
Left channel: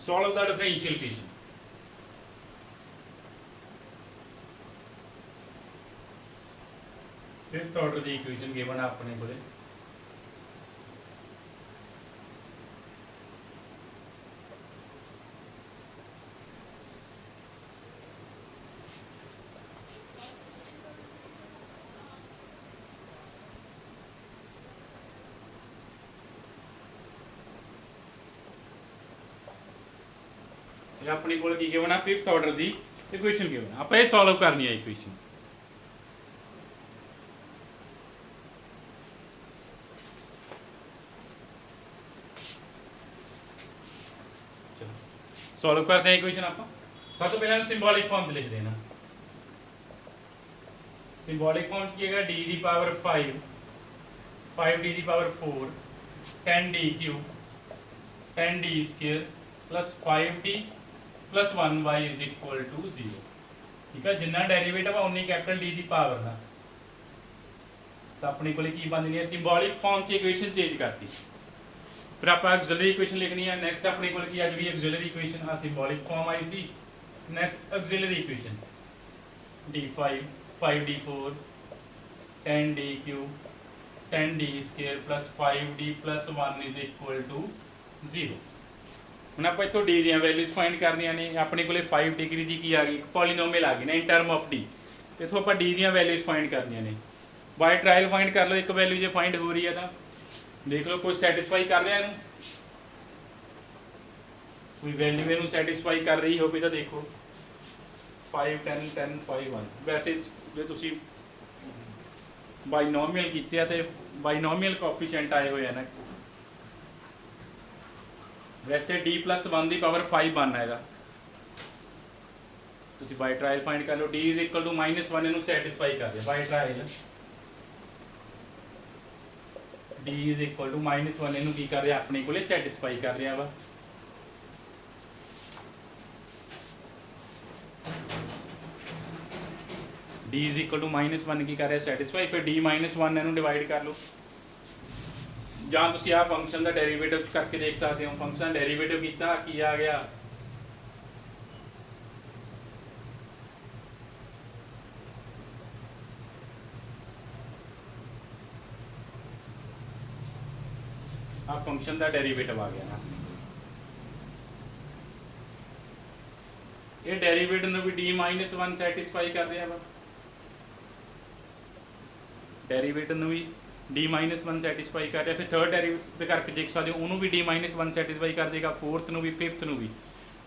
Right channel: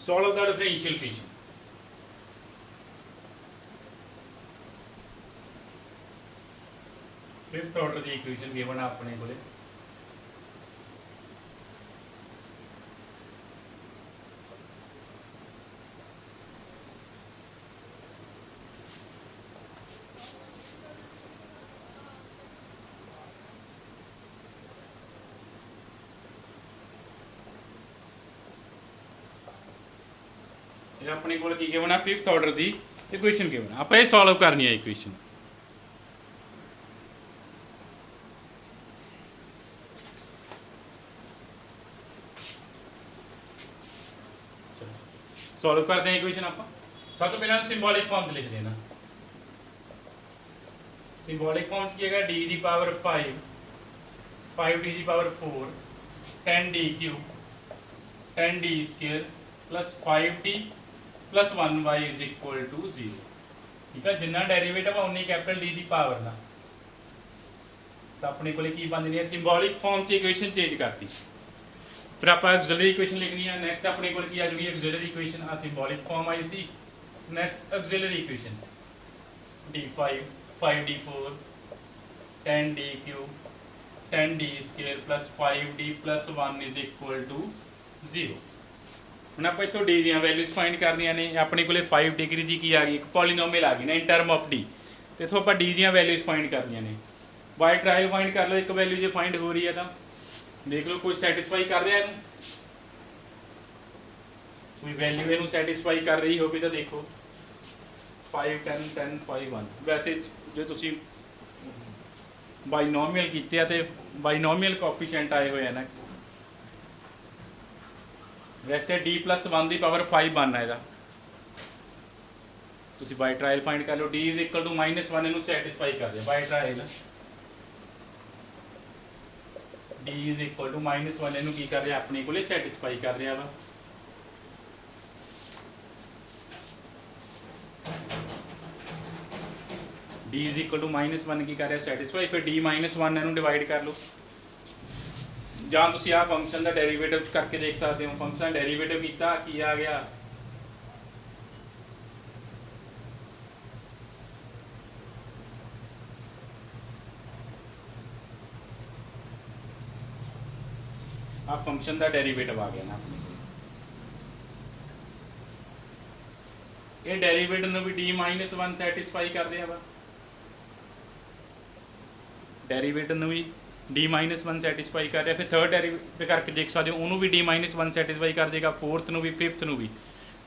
Solve the differential equation. Fifth order the equation given अपने बोले अपने को गिवन है फिफ्थ ऑर्डर की इक्वेशन गिवन है। आप ये सॉल्व करनी है इक्वेशन। सॉल्व करते हैं इक्वेशन। आप सब तो पहले सिंबॉलिक फॉर्म लिख देना। सिंबॉलिक फॉर्म की है डी दी पावर 5 5d दी power 4 10d cube 10d square plus 5d plus 1y is equal to 0। ठीक है, जिन्ना डेरिवेटिव है उन्नी कैपिटल डी दी पावर का। तो अपने को की बन रही है सिंबॉलिक फॉर्म से इक्वेशन चेंज करती। फिर आप ऑक्सिलरी इक्वेशन लिखनी है। नेक्स्ट अपने को की आ जाएगी ऑक्सिलरी इक्वेशन। आ सिंबॉलिक फॉर्म आई सी। Next auxiliary equation d5 5d4 10d cube 10d square plus 5d plus 1 is equal to 0। ਹੁਣ ਆਪਾਂ ਇੱਥੋਂ ਡੀ ਦੀਆਂ ਵੈਲਿਊਜ਼ ਫਾਈਂਡ ਕਰਨੀਆਂ ਨੇ। ਆਪਣੇ ਕੋਲੇ 5 ਡਿਗਰੀ ਦੀ ਕੀ ਆ ਗਈ ਪੋਲੀਨੋਮੀਅਲ ਆ ਗਈ ਨਾ ਇਨ ਟਰਮ ਆਫ ਡੀ। ਤੇ ਇੱਥੋਂ ਆਪਾਂ ਡੀ ਦੀਆਂ ਵੈਲਿਊਜ਼ ਫਾਈਂਡ ਕਰਨੀਆਂ ਨੇ। ਬਾਈ ਟਰਾਇਲ ਫਾਈਂਡ ਕਰ ਲਓ। ਇੱਕ ਵੈਲਿਊ ਜੇ ਫਾਈਂਡ ਹੋ ਰਹੀ ਹੈ ਤਾਂ ਦੇਖ ਲਓ ਕੋਈ ਸੈਟੀਸਫਾਈ ਕਰ ਰਿਹਾ ਇਹਨੂੰ, ਕੋਈ ਵੈਲਿਊ ਇਹਨੂੰ ਸੈਟੀਸਫਾਈ ਕਰ ਰਹੀ ਹੋਵੇ ਤਾਂ ਦੇਖੋ 5 10 10 5 1। ਵੈਸੇ ਜੇ ਤੁਸੀਂ ਬਾਈਨੋਮੀਅਲ ਕੀਤੇ ਆ ਤੇ ਬਾਈਨੋਮੀਅਲ ਕੋਐਫੀਸ਼ੀਐਂਟ ਆਏ ਹੋਏ ਆ ਨਾ। वैसे d प्लस 1 की पावर 5 बनना है। तुम बाय ट्रायल फाइंड कर लो। d इज इक्वल टू -1 इनू सैटिस्फाई कर दिया by trial. d is equal to -1 इनू की कर रहा अपने को सैटिस्फाई कर रहा वा। d इज इक्वल टू -1 की कर रहा सैटिस्फाई। फिर d -1 इनू डिवाइड कर लो। ਜਾਂ ਤੁਸੀਂ ਆ ਫੰਕਸ਼ਨ ਦਾ ਡੈਰੀਵੇਟਿਵ ਕਰਕੇ ਦੇਖ ਸਕਦੇ ਹੋ। ਫੰਕਸ਼ਨ ਡੈਰੀਵੇਟਿਵ ਕੀਤਾ ਕੀ ਆ ਗਿਆ ਆ ਫੰਕਸ਼ਨ ਦਾ ਡੈਰੀਵੇਟਿਵ ਆ ਗਿਆ ਨਾ। ਇਹ ਡੈਰੀਵੇਟਿਵ ਨੂੰ ਵੀ d -1 ਸੈਟੀਸਫਾਈ ਕਰ ਰਿਹਾ ਵਾ। ਡੈਰੀਵੇਟਿਵ ਨੂੰ ਵੀ d -1 ਸੈਟੀਸਫਾਈ ਕਰ ਰਿਹਾ। ਫਿਰ ਥਰਡ ਡੈਰੀਵੇਟਿਵ ਕਰਕੇ ਦੇਖ ਸਕਦੇ ਹੋ ਉਹਨੂੰ ਵੀ d -1 ਸੈਟੀਸਫਾਈ ਕਰ ਦੇਗਾ। ਫੋਰਥ ਨੂੰ ਵੀ ਫਿਫਥ ਨੂੰ ਵੀ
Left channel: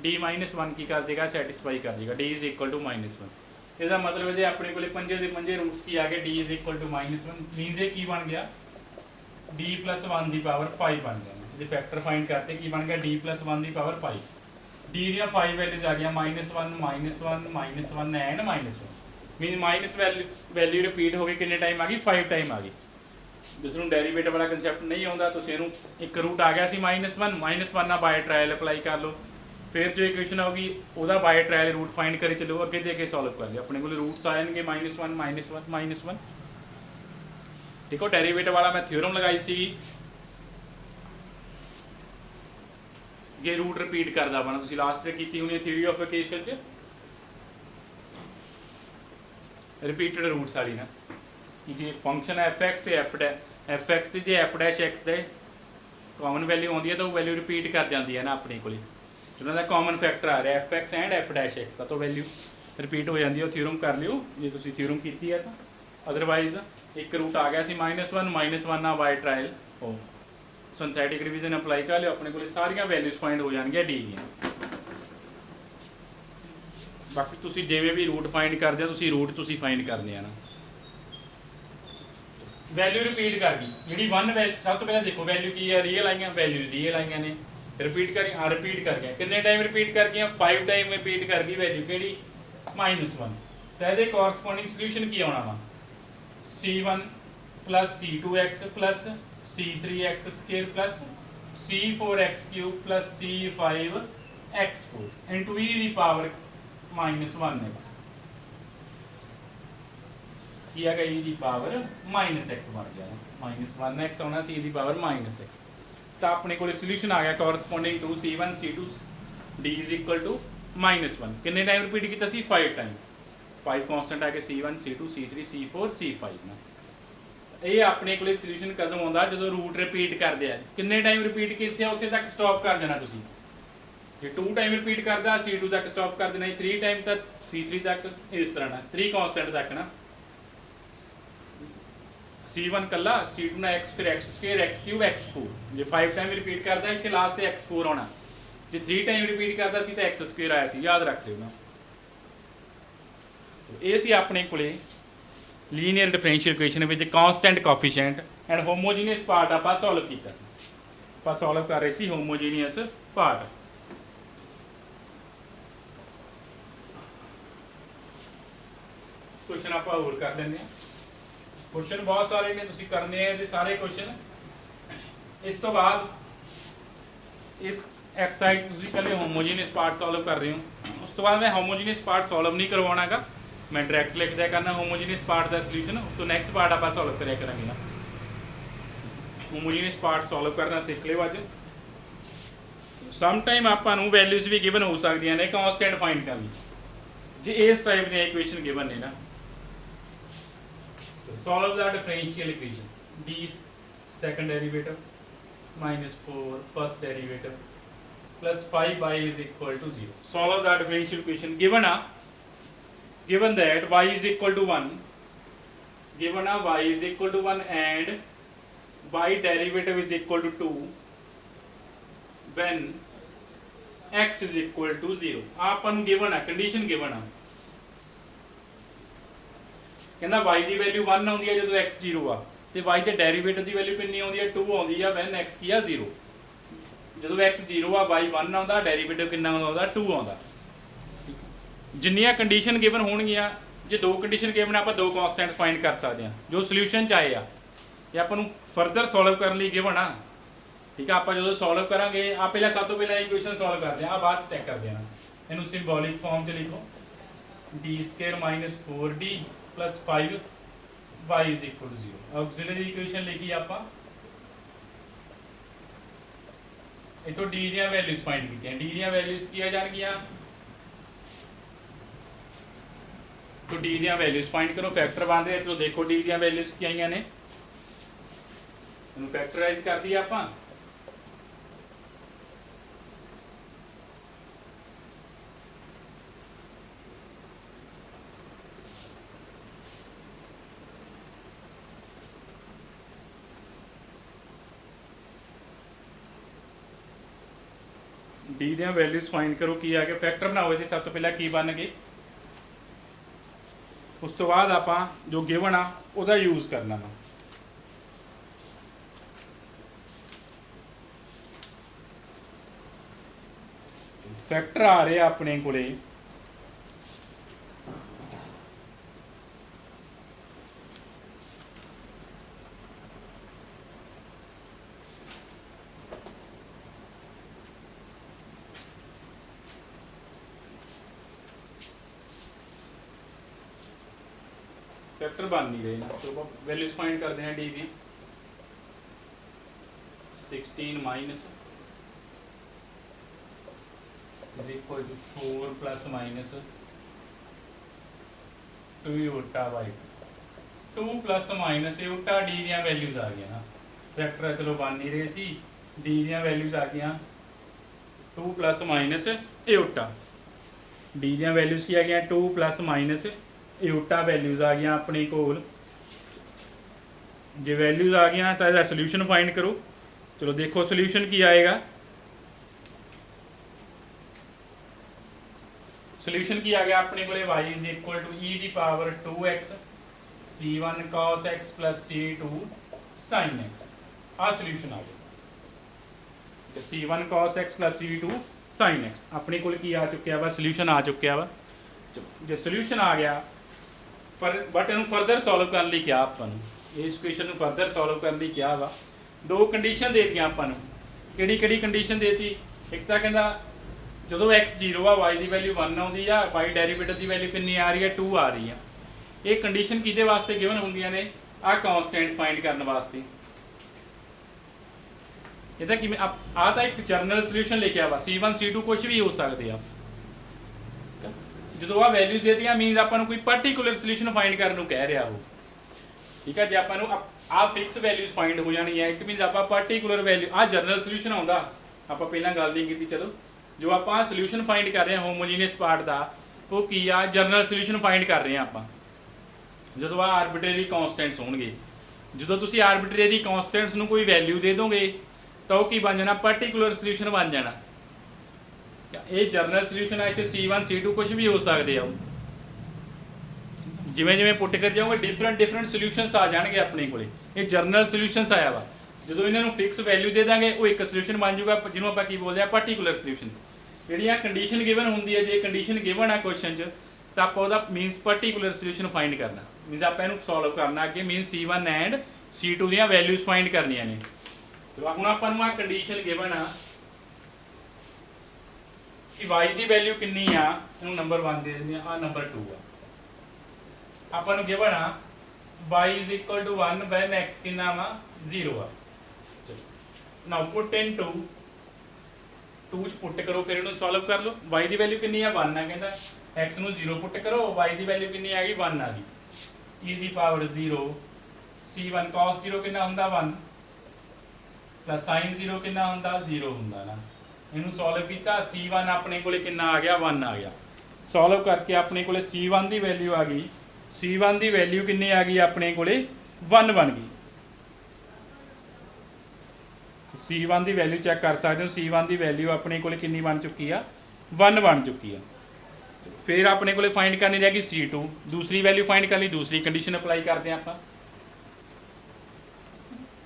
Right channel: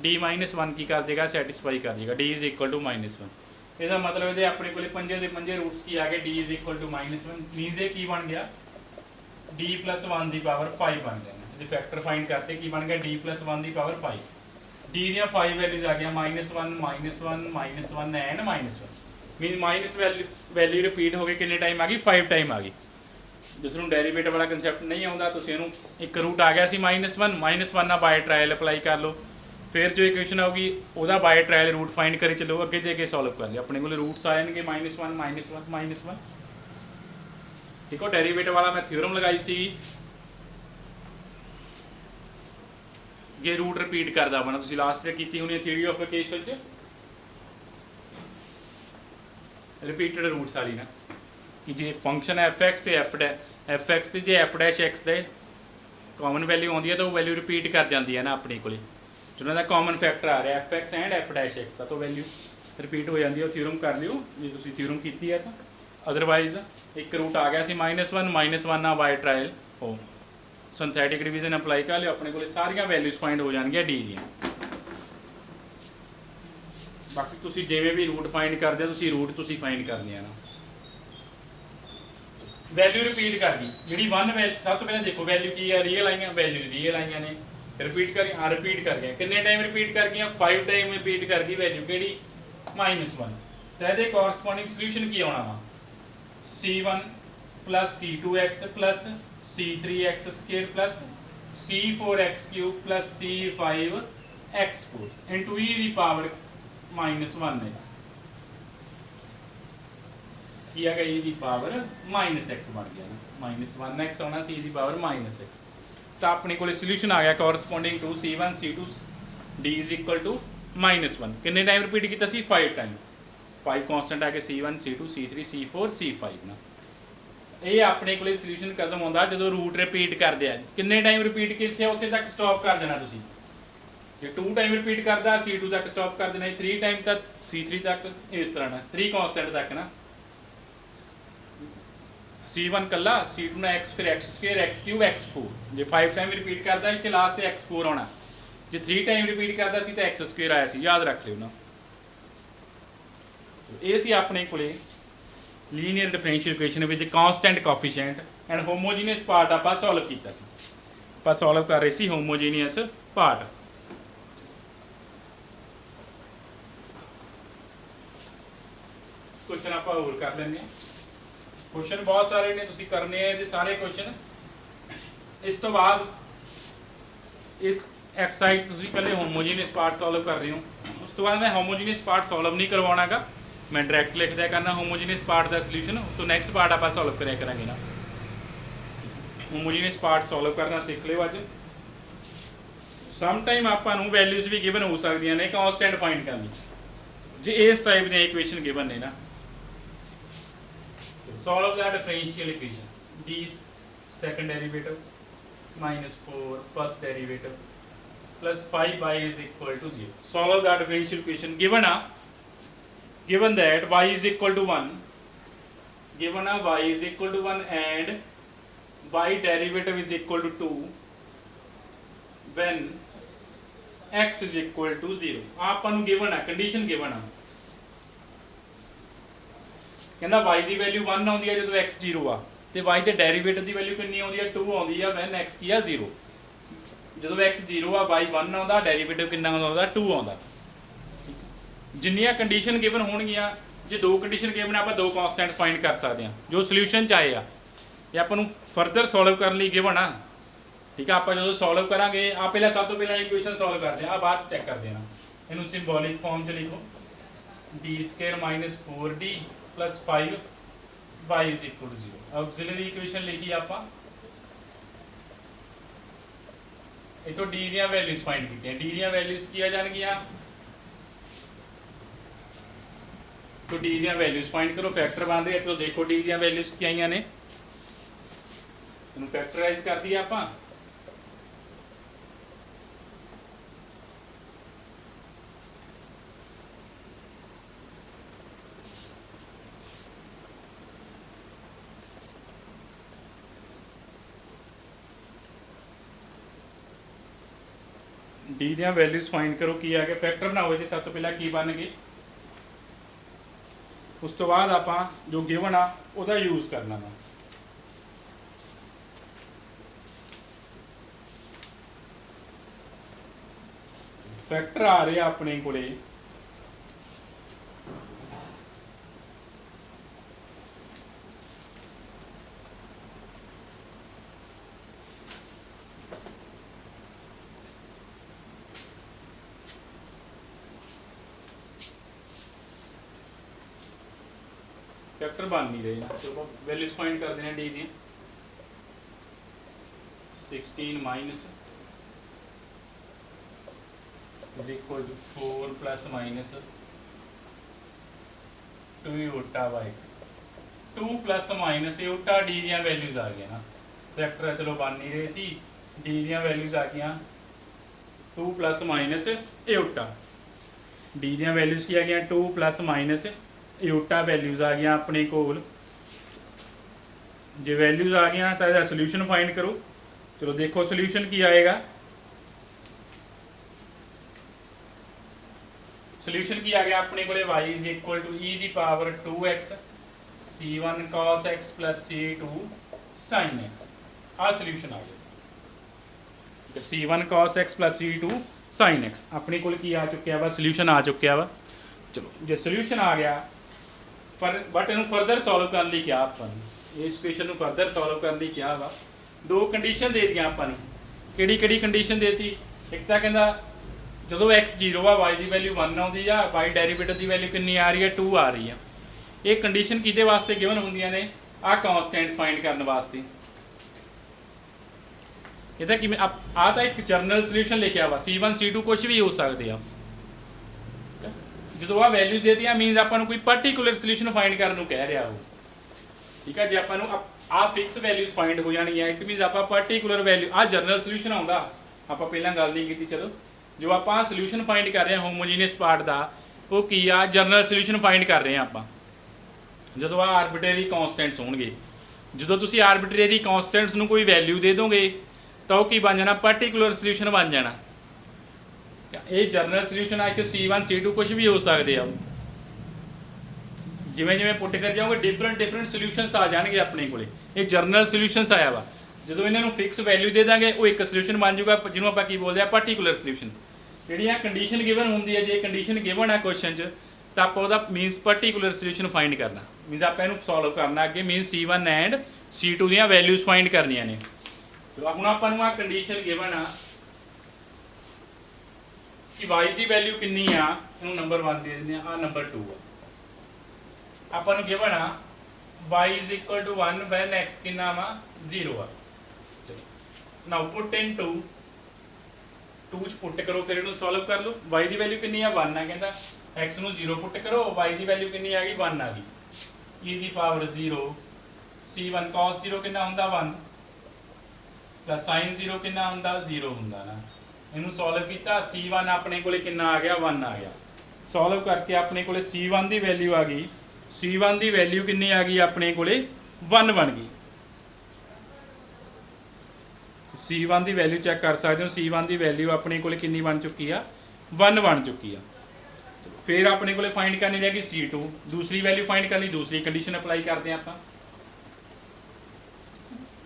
d -1 ਕੀ ਕਰ ਦੇਗਾ ਸੈਟੀਸਫਾਈ ਕਰ ਦੇਗਾ। d is equal to -1। ਇਹਦਾ ਮਤਲਬ ਇਹਦੇ ਆਪਣੇ ਕੋਲੇ ਪੰਜੇ ਦੇ ਪੰਜੇ ਰੂਟਸ ਕੀ ਆ ਗਏ d is equal to -1 means ਇਹ ਕੀ ਬਣ ਗਿਆ d plus 1 ਦੀ ਪਾਵਰ 5 ਬਣ ਜਾਣਾ। ਇਹਦੇ ਫੈਕਟਰ ਫਾਈਂਡ ਕਰਤੇ ਕੀ ਬਣ ਗਿਆ d plus 1 ਦੀ ਪਾਵਰ 5। d ਦੀਆਂ 5 ਵੈਲਿਊਜ਼ ਆ ਗਈਆਂ -1 -1 and -1 mean minus value repeat ਹੋ ਗਈ ਕਿੰਨੇ ਟਾਈਮ ਆ ਗਈ 5 ਟਾਈਮ ਆ ਗਈ। ਜਿਸ ਨੂੰ ਡੈਰੀਵੇਟਿਵ ਵਾਲਾ ਕਨਸੈਪਟ ਨਹੀਂ ਆਉਂਦਾ ਤੁਸੀਂ ਇਹਨੂੰ ਇੱਕ ਰੂਟ ਆ ਗਿਆ ਸੀ -1 ਨਾਲ ਬਾਈ ਟਰਾਇਲ ਅਪਲਾਈ ਕਰ ਲਓ। ਫਿਰ ਜੋ ਇਕੁਏਸ਼ਨ ਆਊਗੀ ਉਹਦਾ ਬਾਈ ਟਰਾਇਲ ਰੂਟ ਫਾਈਂਡ ਕਰੀ ਚਲੋ ਅੱਗੇ ਦੇ ਕੇ ਸੋਲਵ ਕਰ ਲਿਓ। ਆਪਣੇ ਕੋਲ ਰੂਟਸ ਆ ਜਾਣਗੇ -1 ਠੀਕ ਹੋ। ਡੈਰੀਵੇਟਿਵ ਵਾਲਾ ਮੈਂ ਥਿਓਰਮ ਲਗਾਈ ਸੀ ये रूट रिपीट करता बना तुसी लास्ट ईयर की होनी थ्योरी ऑफ इक्वेशन च ਰਿਪੀਟਡ ਰੂਟਸ ਵਾਲੀ ਨਾ ਕਿ ਜੇ ਫੰਕਸ਼ਨ ਐਫ ਐਕਸ ਤੇ ਐਫ ਐਕਸ ਤੇ ਜੇ ਐਫ ਡੈਸ਼ ਐਕਸ ਦੇ ਕਾਮਨ ਵੈਲਿਊ ਆਉਂਦੀ ਹੈ ਤਾਂ ਉਹ ਵੈਲਿਊ ਰਿਪੀਟ ਕਰ ਜਾਂਦੀ ਹੈ ਨਾ ਆਪਣੇ ਕੋਲ ਜਿਹਨਾਂ ਦਾ ਕਾਮਨ ਫੈਕਟਰ ਆ ਰਿਹਾ f x and f dash x ਦਾ ਤਾਂ ਵੈਲਿਊ ਰਿਪੀਟ ਹੋ ਜਾਂਦੀ ਹੈ। ਉਹ ਥਿਊਰਮ ਕਰ ਲਿਓ ਜੇ ਤੁਸੀਂ ਥਿਊਰਮ ਕੀਤੀ ਹੈ ਤਾਂ। ਅਦਰਵਾਈਜ਼ ਇੱਕ ਰੂਟ ਆ ਗਿਆ ਸੀ -1 ਆ ਬਾਈ ਟਰਾਇਲ ਉਹ ਸਿੰਥੈਟਿਕ ਡਿਵੀਜ਼ਨ ਅਪਲਾਈ ਕਰ ਲਿਓ ਆਪਣੇ ਕੋਲ ਸਾਰੀਆਂ ਵੈਲਿਊਜ਼ ਫਾਈਂਡ ਹੋ ਜਾਣਗੀਆਂ ਡੀ ਦੀਆਂ। ਬਾਕੀ ਤੁਸੀਂ ਜਿਵੇਂ ਵੀ ਰੂਟ ਫਾਈਂਡ ਕਰਦੇ ਹੋ ਤੁਸੀਂ ਰੂਟ ਤੁਸੀਂ ਫਾਈਂਡ ਕਰਨੇ ਆ ਨਾ। ਵੈਲਿਊ ਰਿਪੀਟ ਕਰ ਗਈ ਜਿਹੜੀ 1 ਸਭ ਤੋਂ ਪਹਿਲਾਂ ਦੇਖੋ ਵੈਲਿਊ ਕੀ ਹੈ ਰੀਅਲ ਆਈਆਂ ਵੈਲਿਊ ਰੀਅਲ ਆਈਆਂ ਨੇ ਰਿਪੀਟ ਕਰੀ ਹਾਂ ਰਿਪੀਟ ਕਰ ਗਿਆ ਕਿੰਨੇ ਟਾਈਮ ਰਿਪੀਟ ਕਰ ਗਈਆਂ 5 ਟਾਈਮ ਰਿਪੀਟ ਕਰ ਗਈ ਵੈਲਿਊ ਕਿਹੜੀ -1 ਤਾਂ ਇਹਦੇ ਕੋਰਸਪੋਂਡਿੰਗ ਸੋਲੂਸ਼ਨ ਕੀ ਆਉਣਾ ਵਾ c1 plus c2x plus c3x square plus c4x cube plus c5x cube into e ਦੀ ਪਾਵਰ -1x ਕੀ ਆ ਗਈ ਦੀ ਪਾਵਰ -x ਬਣ ਗਿਆ ਨਾ -1x ਆਉਣਾ c ਦੀ ਪਾਵਰ -x ਤਾਂ ਆਪਣੇ ਕੋਲੇ ਸੋਲੂਸ਼ਨ ਆ ਗਿਆ corresponding to c1 c2 d -1 ਕਿੰਨੇ ਟਾਈਮ ਰਿਪੀਟ ਕੀਤਾ ਸੀ 5 ਟਾਈਮ 5 ਕਾਂਸਟੈਂਟ ਆ ਕੇ c1 c2 c3 c4 c5 ਨਾ ਇਹ ਆਪਣੇ ਕੋਲੇ ਸੋਲੂਸ਼ਨ ਕਦੋਂ ਆਉਂਦਾ ਜਦੋਂ ਰੂਟ ਰਿਪੀਟ ਕਰਦੇ ਆ ਕਿੰਨੇ ਟਾਈਮ ਰਿਪੀਟ ਕੀਤੇ ਉੱਥੇ ਤੱਕ ਸਟਾਪ ਕਰ ਦੇਣਾ ਤੁਸੀਂ ਜੇ 2 ਟਾਈਮ ਰਿਪੀਟ ਕਰਦਾ c2 ਤੱਕ ਸਟਾਪ ਕਰ ਦੇਣਾ 3 ਟਾਈਮ ਤੱਕ c3 ਤੱਕ ਇਸ ਤਰ੍ਹਾਂ ਨਾ 3 ਕਾਂਸਟੈਂਟ ਤੱਕ ਨਾ c1 ਕੱਲਾ c2 ਨਾਲ x ਫਿਰ x square x cube x4 ਜੇ 5 ਟਾਈਮ ਰਿਪੀਟ ਕਰਦਾ ਇੱਥੇ ਲਾਸਟ ਤੇ x4 ਆਉਣਾ ਜੇ 3 ਟਾਈਮ ਰਿਪੀਟ ਕਰਦਾ ਸੀ ਤਾਂ x ਸਕੁਅਰ ਆਇਆ ਸੀ ਯਾਦ ਰੱਖ ਲਿਓ ਨਾ। ਇਹ ਸੀ ਆਪਣੇ ਕੋਲੇ ਲੀਨੀਅਰ ਡਿਫਰੈਂਸ਼ੀਅਲ ਇਕੁਏਸ਼ਨ ਵਿੱਚ ਕਾਂਸਟੈਂਟ ਕੋਐਫੀਸ਼ੀਐਂਟ ਐਂਡ ਹੋਮੋਜੀਨੀਅਸ ਪਾਰਟ ਆਪਾਂ ਸੋਲਵ ਕੀਤਾ ਸੀ। ਆਪਾਂ ਸੋਲਵ ਕਰ ਰਹੇ ਸੀ ਹੋਮੋਜੀਨੀਅਸ ਪਾਰਟ। ਕੁਐਸਚਨ ਆਪਾਂ ਹੋਰ ਕਰ ਲੈਂਦੇ ਹਾਂ। ਕੁਐਸਚਨ ਬਹੁਤ ਸਾਰੇ ਨੇ ਤੁਸੀਂ ਕਰਨੇ ਆ ਇਹਦੇ ਸਾਰੇ ਕੁਐਸਚਨ। ਇਸ ਤੋਂ ਬਾਅਦ ਇਸ ਐਕਸਰਸਾਈਜ਼ ਤੁਸੀਂ ਕੱਲੇ ਹੋਮੋਜੀਨੀਅਸ ਪਾਰਟ ਸੋਲਵ ਕਰ ਰਹੇ ਹੋ। ਉਸ ਤੋਂ ਬਾਅਦ ਮੈਂ ਹੋਮੋਜੀਨੀਅਸ ਪਾਰਟ ਸੋਲਵ ਨਹੀਂ ਕਰਵਾਉਣਾਗਾ ਮੈਂ ਡਾਇਰੈਕਟ ਲਿਖਦਾ ਕਰਨਾ ਹੋਮੋਜੀਨੀਅਸ ਪਾਰਟ ਦਾ ਸੋਲੂਸ਼ਨ। ਉਸ ਤੋਂ ਨੈਕਸਟ ਪਾਰਟ ਆਪਾਂ ਸੋਲਵ ਕਰਿਆ ਕਰਾਂਗੇ ਨਾ। ਹੋਮੋਜੀਨੀਅਸ ਪਾਰਟ ਸੋਲਵ ਕਰਨਾ ਸਿੱਖ ਲਿਓ ਅੱਜ। ਸਮ ਟਾਈਮ ਆਪਾਂ ਨੂੰ ਵੈਲਿਊਜ਼ ਵੀ ਗਿਵਨ ਹੋ ਸਕਦੀਆਂ ਨੇ ਕਾਂਸਟੈਂਟ ਫਾਈਂਡ ਕਰਨੀ ਜੇ ਇਸ ਟਾਈਪ ਦੀਆਂ ਇਕੁਏਸ਼ਨ ਗਿਵਨ ਨੇ ਨਾ। solve the differential equation d second derivative -4 first derivative plus 5y is equal to 0. Solve the differential equation given that y is equal to 1 given y is equal to 1 and y derivative is equal to 2 when x is equal to 0 ਆਪਾਂ ਨੂੰ given ਆ condition given ਆ ਕਹਿੰਦਾ y ਦੀ value 1 ਆਉਂਦੀ ਹੈ ਜਦੋਂ x 0 ਆ ਤੇ y ਦੇ ਡੈਰੀਵੇਟਿਵ ਦੀ ਵੈਲਿਊ ਕਿੰਨੀ ਆਉਂਦੀ ਹੈ 2 ਆਉਂਦੀ ਆ when x ਕੀ ਆ 0 ਜਦੋਂ x 0 ਆ y 1 ਆਉਂਦਾ ਡੈਰੀਵੇਟਿਵ ਕਿੰਨਾ ਆਉਂਦਾ 2 ਆਉਂਦਾ। ਜਿੰਨੀਆਂ ਕੰਡੀਸ਼ਨ ਗਿਵਨ ਹੋਣਗੀਆਂ ਜੇ ਦੋ ਕੰਡੀਸ਼ਨ ਗਿਵਨ ਆਪਾਂ ਦੋ ਕਾਂਸਟੈਂਟ ਫਾਈਂਡ ਕਰ ਸਕਦੇ ਹਾਂ ਜੋ ਸੋਲੂਸ਼ਨ ਚ ਆਏ ਆ ਇਹ ਆਪਾਂ ਨੂੰ ਫਰਦਰ ਸੋਲਵ ਕਰਨ ਲਈ ਗਿਵਨ ਆ। ਠੀਕ ਆ ਆਪਾਂ ਜਦੋਂ ਸੋਲਵ ਕਰਾਂਗੇ ਆ ਪਹਿਲਾਂ ਸਭ ਤੋਂ ਪਹਿਲਾਂ ਇਕੁਏਸ਼ਨ ਸੋਲਵ ਕਰਦੇ ਆ ਬਾਅਦ ਚੈੱਕ ਕਰਦੇ ਆ ਇਹਨੂੰ ਸਿੰਬੋਲਿਕ ਫਾਰਮ ਚ ਲਿਖੋ d² - 4d plus 5 y is equal to 0 auxiliary equation ਲਿਖੀ ਆਪਾਂ ਇਥੋਂ d ਦੀਆਂ ਵੈਲਿਊਜ਼ ਫਾਈਂਡ ਕੀਤੀਆਂ d ਦੀਆਂ ਵੈਲਿਊਜ਼ ਕੀ ਆ ਜਾਣਗੀਆਂ तो d ਦੀਆਂ ਵੈਲਿਊਜ਼ ਫਾਈਂਡ ਕਰੋ ਫੈਕਟਰ ਬਣਦੇ ਇਥੋਂ ਦੇਖੋ d ਦੀਆਂ ਵੈਲਿਊਜ਼ ਕੀ ਆਈਆਂ ਨੇ ਇਹਨੂੰ ਫੈਕਟਰਾਈਜ਼ ਕਰ ਦਈਏ ਆਪਾਂ d ਦੀਆਂ ਵੈਲਿਊਜ਼ ਫਾਈਂਡ ਕਰੋ ਕੀ ਆ ਗਿਆ ਫੈਕਟਰ ਬਣਾਓ ਇਹਦੇ ਸਭ ਤੋਂ ਪਹਿਲਾਂ ਕੀ ਬਣ ਗਏ ਉਸ ਤੋਂ ਬਾਅਦ ਆਪਾਂ ਜੋ ਗਿਵਨ ਆ ਉਹਦਾ ਯੂਜ਼ ਕਰਨਾ ਹੈ। ਫੈਕਟਰ ਆ ਰਿਹਾ ਆਪਣੇ ਕੋਲੇ फैक्टर बन नहीं रहे तो वैल्यूज फाइंड करते हैं डी दी 16 minus is equal to 4 plus minus 2 यूटा बाई 2 प्लस माइनस यूटा डी ਦੀਆਂ ਵੈਲਿਊਜ਼ ਆ ਗਈਆਂ ਨਾ ਫੈਕਟਰ ਚਲੋ ਬਣ ਨਹੀਂ ਰਹੇ ਸੀ डी ਦੀਆਂ ਵੈਲਿਊਜ਼ ਆ ਗਈਆਂ 2 प्लस माइनस यूटा डी ਦੀਆਂ ਵੈਲਿਊਜ਼ ਕੀ ਆ ਗਈਆਂ 2 प्लस माइनस यूटा ਵੈਲਿਊਜ਼ ਆ ਗਈਆਂ ਆਪਣੇ ਕੋਲ ਜੇ ਵੈਲਿਊਜ਼ ਆ ਗਈਆਂ ਤਾਂ ਇਹਦਾ ਸੋਲੂਸ਼ਨ ਫਾਈਂਡ ਕਰੋ ਚਲੋ ਦੇਖੋ ਸੋਲੂਸ਼ਨ ਕੀ ਆਏਗਾ ਸੋਲੂਸ਼ਨ ਕੀ ਆ ਗਿਆ ਆਪਣੇ ਕੋਲੇ y is equal to e the power 2x c1 cos x plus c2 sin x ਆ ਸੋਲੂਸ਼ਨ ਆ ਗਿਆ ਤੇ c1 cos x plus c2 sin x ਆਪਣੇ ਕੋਲ ਕੀ ਆ ਚੁੱਕਿਆ ਵਾ ਸੋਲੂਸ਼ਨ ਆ ਚੁੱਕਿਆ ਵਾ ਚਲੋ ਜੇ ਸੋਲੂਸ਼ਨ ਆ ਗਿਆ ਬਟ ਇਹਨੂੰ ਫਰਦਰ ਸੋਲਵ ਕਰਨ ਲਈ ਕਿਹਾ ਆਪਾਂ ਨੂੰ ਇਸ ਇਕੁਏਸ਼ਨ ਨੂੰ ਫਰਦਰ ਸੋਲਵ ਕਰਨ ਲਈ ਕਿਹਾ ਵਾ ਦੋ ਕੰਡੀਸ਼ਨ ਦੇ ਦਿੱਤੀਆਂ ਆਪਾਂ ਨੂੰ ਕਿਹੜੀ ਕਿਹੜੀ ਕੰਡੀਸ਼ਨ ਦੇਤੀ ਇੱਕ ਤਾਂ ਕਹਿੰਦਾ ਜਦੋਂ x 0 ਆ y ਦੀ ਵੈਲਿਊ 1 ਆਉਂਦੀ ਆ y ਡੈਰੀਵੇਟਿਵ ਦੀ ਵੈਲਿਊ ਕਿੰਨੀ ਆ ਰਹੀ ਹੈ 2 ਆ ਰਹੀ ਹੈ ਇਹ ਕੰਡੀਸ਼ਨ ਕਿਹਦੇ ਵਾਸਤੇ ਗਿਵਨ ਹੁੰਦੀਆਂ ਨੇ ਆ ਕਾਂਸਟੈਂਟ ਫਾਈਂਡ ਕਰਨ ਵਾਸਤੇ ਇਹਦਾ ਕਿਵੇਂ ਆ ਤਾਂ ਇੱਕ ਜਰਨਲ ਸੋਲੂਸ਼ਨ ਲਿਖਿਆ ਵਾ c1 c2 ਕੁਝ ਵੀ ਹੋ ਸਕਦੇ ਆ ਜਦੋਂ ਆ ਵੈਲਿਊਜ਼ ਦੇਤੀਆਂ ਮੀਨਸ ਆਪਾਂ ਨੂੰ ਕੋਈ ਪਾਰਟਿਕੂਲਰ ਸੋਲੂਸ਼ਨ ਫਾਈਂਡ ਕਰਨ ਨੂੰ ਕਹਿ ਰਿਹਾ ਹੋ ਠੀਕ ਹੈ ਜੇ ਆਪਾਂ ਨੂੰ ਆ ਫਿਕਸ ਵੈਲਿਊਜ਼ ਫਾਈਂਡ ਹੋ ਜਾਣਗੀਆਂ ਇਟ ਮੀਨਸ ਆਪਾਂ ਪਾਰਟਿਕੂਲਰ ਵੈਲਿਊ ਆ ਜਰਨਲ ਸੋਲੂਸ਼ਨ ਆਉਂਦਾ ਆਪਾਂ ਪਹਿਲਾਂ ਗੱਲ ਨਹੀਂ ਕੀਤੀ ਚਲੋ ਜੋ ਆਪਾਂ ਸੋਲੂਸ਼ਨ ਫਾਈਂਡ ਕਰ ਰਹੇ ਹਾਂ ਹੋਮੋਜੀਨੀਅਸ ਪਾਰਟ ਦਾ ਉਹ ਕੀ ਆ ਜਰਨਲ ਸੋਲੂਸ਼ਨ ਫਾਈਂਡ ਕਰ ਰਹੇ ਹਾਂ ਆਪਾਂ ਜਦੋਂ ਆ ਆਰਬਿਟਰੀ ਕਨਸਟੈਂਟਸ ਹੋਣਗੇ ਜਦੋਂ ਤੁਸੀਂ ਆਰਬਿਟਰੀ ਕਨਸਟੈਂਟਸ ਨੂੰ ਕੋਈ ਵੈਲਿਊ ਦੇ ਦੋਗੇ ਤਾਂ ਉਹ ਕੀ ਬਣ ਜਾਣਾ ਪਾਰਟਿਕੂਲਰ ਸੋਲੂਸ਼ਨ ਬਣ ਜਾਣਾ ਇਹ ਜਰਨਲ ਸੋਲੂਸ਼ਨ ਆ ਇੱਥੇ c1 c2 ਕੁਝ ਵੀ ਹੋ ਸਕਦੇ ਆ ਜਿਵੇਂ ਜਿਵੇਂ ਪੁੱਟ ਕਰ ਜਾਓਗੇ ਡਿਫਰੈਂਟ ਸੋਲੂਸ਼ਨਸ ਆ ਜਾਣਗੇ ਆਪਣੇ ਕੋਲੇ ਇਹ ਜਰਨਲ ਸੋਲੂਸ਼ਨਸ ਆਇਆ ਵਾ ਜਦੋਂ ਇਹਨਾਂ ਨੂੰ ਫਿਕਸ ਵੈਲਿਊ ਦੇ ਦਾਂਗੇ ਉਹ ਇੱਕ ਸੋਲੂਸ਼ਨ ਬਣ ਜਾਊਗਾ ਜਿਹਨੂੰ ਆਪਾਂ ਕੀ ਬੋਲਦੇ ਆ ਪਾਰਟਿਕੂਲਰ ਸੋਲੂਸ਼ਨ ਜਿਹੜੀਆਂ ਕੰਡੀਸ਼ਨ ਗਿਵਨ ਹੁੰਦੀ ਹੈ ਜੇ ਕੰਡੀਸ਼ਨ ਗਿਵਨ ਆ ਕੁਐਸਚਨ 'ਚ ਤਾਂ ਆਪਾਂ ਉਹਦਾ ਮੀਨਸ ਪਾਰਟਿਕੂਲਰ ਸੋਲੂਸ਼ਨ ਫਾਈਂਡ ਕਰਨਾ ਮੀਨਸ ਆਪਾਂ ਇਹਨੂੰ ਸੋਲਵ ਕਰਨਾ ਅੱਗੇ ਮੀਨਸ c1 ਐਂਡ c2 ਦੀਆਂ ਵੈਲਿਊਜ਼ ਫਾਈਂਡ ਕਰਨੀਆਂ ਨੇ ਤੇ ਹੁਣ ਆਪਾਂ ਨੂੰ ਆ ਕੰਡੀਸ਼ਨ ਗਿਵਨ ਆ ਕਿ y ਦੀ ਵੈਲਿਊ ਕਿੰਨੀ ਆ ਇਹਨੂੰ ਨੰਬਰ 1 ਦੇ ਦਿੰਦੇ ਆ ਨੰਬਰ 2 ਆ ਆਪਾਂ ਨੂੰ ਗਿਵਨ ਆ y is equal to 1 when x ਕਿੰਨਾ ਵਾ 0 ਆ ਚਲੋ ਨਾਓ ਪੁੱਟ ਇਨ 2 ਚ ਪੁੱਟ ਕਰੋ ਫਿਰ ਇਹਨੂੰ ਸੋਲਵ ਕਰ ਲਓ y ਦੀ ਵੈਲਿਊ ਕਿੰਨੀ ਆ 1 ਆ ਕਹਿੰਦਾ x ਨੂੰ 0 ਪੁੱਟ ਕਰੋ y ਦੀ ਵੈਲਿਊ ਕਿੰਨੀ ਆ ਗਈ 1 ਆ ਗਈ e ਦੀ ਪਾਵਰ 0 c1 cos 0 ਕਿੰਨਾ ਹੁੰਦਾ 1 plus sin 0 ਕਿੰਨਾ ਹੁੰਦਾ 0 ਹੁੰਦਾ ਨਾ ਇਹਨੂੰ ਸੋਲਵ ਕੀਤਾ c1 ਆਪਣੇ ਕੋਲੇ ਕਿੰਨਾ ਆ ਗਿਆ 1 ਆ ਗਿਆ ਸੋਲਵ ਕਰਕੇ ਆਪਣੇ ਕੋਲੇ c1 ਦੀ ਵੈਲਿਊ ਆ ਗਈ c1 ਦੀ ਵੈਲਿਊ ਕਿੰਨੀ ਆ ਗਈ ਆਪਣੇ ਕੋਲੇ 1 ਬਣ ਗਈ c1 ਦੀ ਵੈਲਿਊ ਚੈੱਕ ਕਰ ਸਕਦੇ ਹੋ c1 ਦੀ ਵੈਲਿਊ ਆਪਣੇ ਕੋਲੇ ਕਿੰਨੀ ਬਣ ਚੁੱਕੀ ਆ 1 ਬਣ ਚੁੱਕੀ ਆ ਫਿਰ ਆਪਣੇ ਕੋਲੇ ਫਾਈਂਡ ਕਰਨੀ ਰਹਿ ਗਈ c2 ਦੂਸਰੀ ਵੈਲਿਊ ਫਾਈਂਡ ਕਰਨ ਲਈ ਦੂਸਰੀ ਕੰਡੀਸ਼ਨ ਅਪਲਾਈ ਕਰਦੇ ਆ ਆਪਾਂ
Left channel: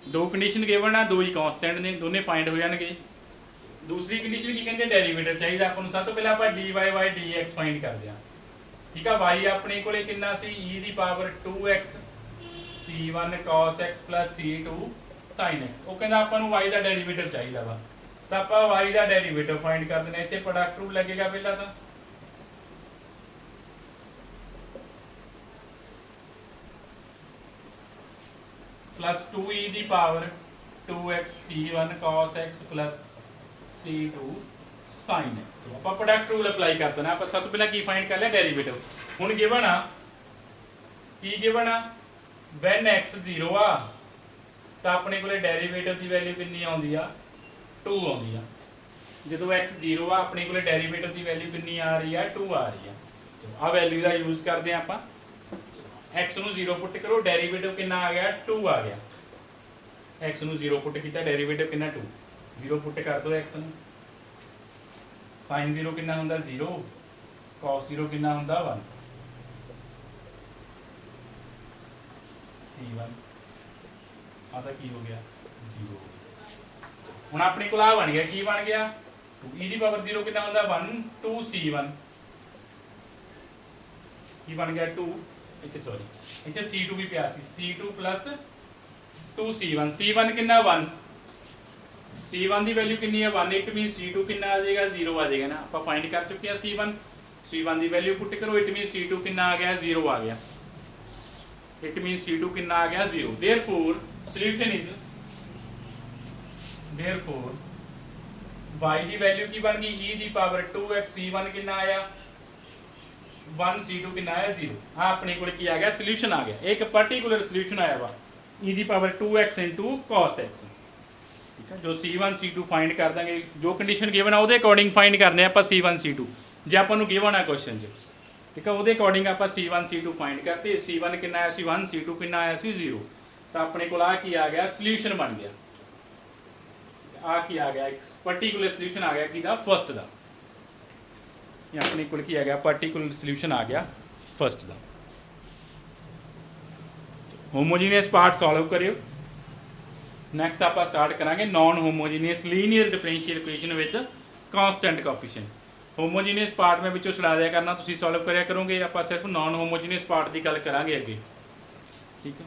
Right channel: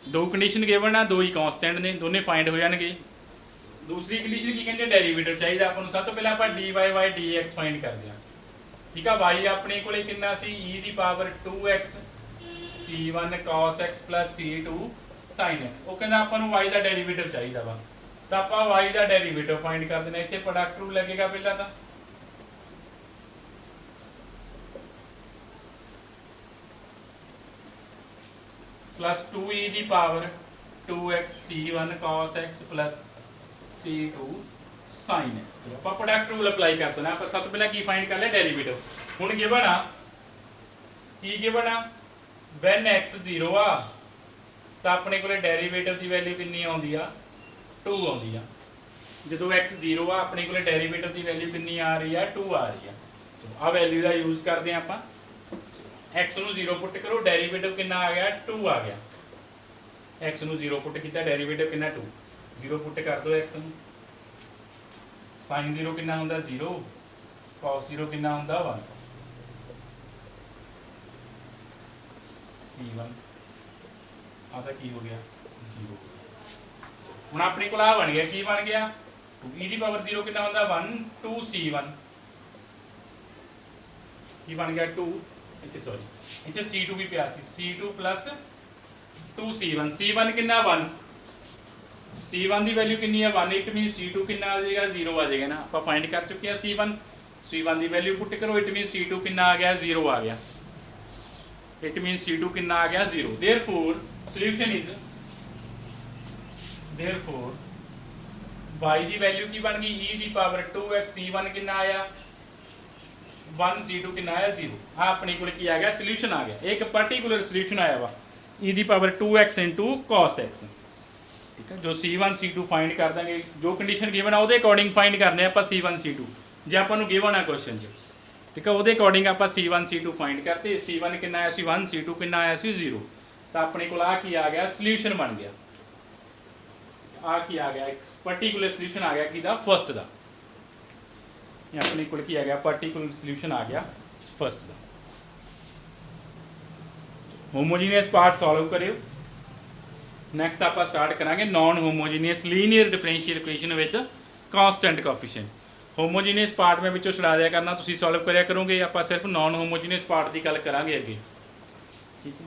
ਦੋ ਕੰਡੀਸ਼ਨ ਗਿਵਨ ਆ ਦੋ ਹੀ ਕਾਂਸਟੈਂਟ ਨੇ ਦੋਨੇ ਫਾਈਂਡ ਹੋ ਜਾਣਗੇ ਦੂਸਰੀ ਕੰਡੀਸ਼ਨ ਕੀ ਕਹਿੰਦੇ ਡੈਰੀਵੇਟਿਵ ਚਾਹੀਦਾ ਆਪਾਂ ਨੂੰ ਸਭ ਤੋਂ ਪਹਿਲਾਂ ਆਪਾਂ dy dx ਫਾਈਂਡ ਕਰਦੇ ਆ ਠੀਕ ਆ y ਆਪਣੇ ਕੋਲੇ ਕਿੰਨਾ ਸੀ e ਦੀ power 2x c1 cos x plus c2 sin x ਉਹ ਕਹਿੰਦਾ ਆਪਾਂ ਨੂੰ y ਦਾ ਡੈਰੀਵੇਟਿਵ ਚਾਹੀਦਾ ਵਾ ਤਾਂ ਆਪਾਂ y ਦਾ ਡੈਰੀਵੇਟਿਵ ਫਾਈਂਡ ਕਰ ਦੇਣਾ ਇੱਥੇ ਪ੍ਰੋਡਕਟ ਰੂਲ ਲੱਗੇਗਾ ਪਹਿਲਾਂ ਤਾਂ plus 2e ਦੀ power 2x c1 cos x plus c2 sin x ਆਪਾਂ ਪ੍ਰੋਡਕਟ ਰੂਲ ਅਪਲਾਈ ਕਰ ਦੇਣਾ ਆਪਾਂ ਸਭ ਤੋਂ ਪਹਿਲਾਂ ਕੀ ਫਾਈਂਡ ਕਰ ਲਿਆ ਡੈਰੀਵੇਟਿਵ ਹੁਣ ਗਿਵਨ ਆ ਕੀ ਗਿਵਨ ਆ when x 0 ਆ ਤਾਂ ਆਪਣੇ ਕੋਲੇ ਡੈਰੀਵੇਟਿਵ ਦੀ ਵੈਲਿਊ ਕਿੰਨੀ ਆਉਂਦੀ ਆ 2 ਆਉਂਦੀ ਆ ਜਦੋਂ x 0 ਆ ਆਪਣੇ ਕੋਲੇ ਡੈਰੀਵੇਟਿਵ ਦੀ ਵੈਲਿਊ ਕਿੰਨੀ ਆ ਰਹੀ ਆ 2 ਆ ਰਹੀ ਆ ਚਲੋ ਆ ਵੈਲਿਊ ਦਾ ਯੂਜ਼ ਕਰਦੇ ਆ ਆਪਾਂ x ਨੂੰ 0 ਪੁੱਟ ਕਰੋ ਡੈਰੀਵੇਟਿਵ ਕਿੰਨਾ ਆ ਗਿਆ 2 ਆ ਗਿਆ x ਨੂੰ 0 ਪੁੱਟ ਕੀਤਾ ਡੈਰੀਵੇਟਿਵ ਕਿੰਨਾ 2 0 ਪੁੱਟ ਕਰ ਦੋ x ਨੂੰ sin 0 ਕਿੰਨਾ ਹੁੰਦਾ 0 cos 0 ਕਿੰਨਾ ਹੁੰਦਾ 1 c1 ਆ ਤਾਂ ਕੀ ਹੋ ਗਿਆ 0 ਹੁਣ ਆਪਣੇ ਕੋਲ ਆ ਬਣ ਗਿਆ ਕੀ ਬਣ ਗਿਆ e ਦੀ ਪਾਵਰ 0 ਕਿੰਨਾ ਹੁੰਦਾ 1 2c1 ਕੀ ਬਣ ਗਿਆ 2 ਇੱਥੇ ਸੌਰੀ ਇੱਥੇ c2 ਵੀ ਪਿਆ ਸੀ c2 plus 2c1 c1 ਕਿੰਨਾ 1 c1 ਦੀ ਵੈਲਿਊ ਕਿੰਨੀ ਹੈ 1 ਇਟ ਮੀਨਸ c2 ਕਿੰਨਾ ਆ ਜਾਏਗਾ 0 ਆ ਜਾਏਗਾ ਨਾ ਆਪਾਂ ਫਾਈਂਡ ਕਰ ਚੁੱਕੇ ਆ c1 ਦੀ ਵੈਲਿਊ ਪੁੱਟ ਕਰੋ ਇਟ ਮੀਨਸ c2 ਕਿੰਨਾ ਆ ਗਿਆ 0 ਆ ਗਿਆ ਇਟ ਮੀਨਸ c2 ਕਿੰਨਾ ਆ ਗਿਆ 0 therefore solution is therefore y the value ਕੀ ਬਣ ਗਈ e ਦੀ ਪਾਵਰ 2x c1 ਕਿੰਨਾ ਆਇਆ 1c2 ਕਿੰਨਾ ਆਇਆ 0। ਆ ਆਪਣੇ ਕੋਲ ਕੀ ਆ ਗਿਆ ਸੋਲੂਸ਼ਨ ਆ ਗਿਆ। ਇੱਕ ਪਾਰਟਿਕੂਲਰ ਸੋਲੂਸ਼ਨ ਆਇਆ ਵਾ e ਦੀ ਪਾਵਰ 2x cos x। ਠੀਕ ਹੈ, ਜੋ c1 c2 ਫਾਈਂਡ ਕਰ ਦਾਂਗੇ, ਜੋ ਕੰਡੀਸ਼ਨ ਗਿਵਨ ਆ ਉਹਦੇ ਅਕੋਰਡਿੰਗ ਫਾਈਂਡ ਕਰਨੇ ਆਪਾਂ c1 c2। ਜੇ ਆਪਾਂ ਨੂੰ ਗਿਵਨ ਆ ਕੁਐਸਚਨ 'ਚ, ਠੀਕ ਹੈ, ਉਹਦੇ ਅਕੋਰਡਿੰਗ ਆਪਾਂ c1 c2 ਫਾਈਂਡ ਕਰਤੇ। c1 ਕਿੰਨਾ ਆਇਆ ਸੀ 1, c2 ਕਿੰਨਾ ਆਇਆ ਸੀ 0। ਤਾਂ ਆਪਣੇ ਕੋਲ ਆ ਕੀ ਆ ਗਿਆ ਸੋਲੂਸ਼ਨ ਬਣ ਗਿਆ। ਆ ਕੀ ਆ ਗਿਆ ਇੱਕ ਪਾਰਟਿਕੂਲਰ ਸੋਲੂਸ਼ਨ ਆ ਗਿਆ ਕਿਹਦਾ ਫਸਟ ਦਾ। ਇਹ ਆਪਣੇ ਕੋਲ ਕੀ ਆ ਗਿਆ ਪਾਰਟਿਕੂਲਰ ਸੋਲੂਸ਼ਨ ਆ ਗਿਆ ਫਸਟ ਦਾ। ਹੋਮੋਜੀਨੀਅਸ ਪਾਰਟ ਸੋਲਵ ਕਰਿਓ। ਨੈਕਸਟ ਆਪਾਂ ਸਟਾਰਟ ਕਰਾਂਗੇ non homogeneous linear differential equation with constant coefficient. Homogeneous part ਮੈਂ ਵਿੱਚੋਂ ਛੁਡਾ ਦਿਆ ਕਰਨਾ, ਤੁਸੀਂ ਸੋਲਵ ਕਰਿਆ ਕਰੋਗੇ। ਆਪਾਂ ਸਿਰਫ ਨਾਨ ਹੋਮੋਜੀਨੀਅਸ ਪਾਰਟ ਦੀ ਗੱਲ ਕਰਾਂਗੇ ਅੱਗੇ। ਠੀਕ ਹੈ।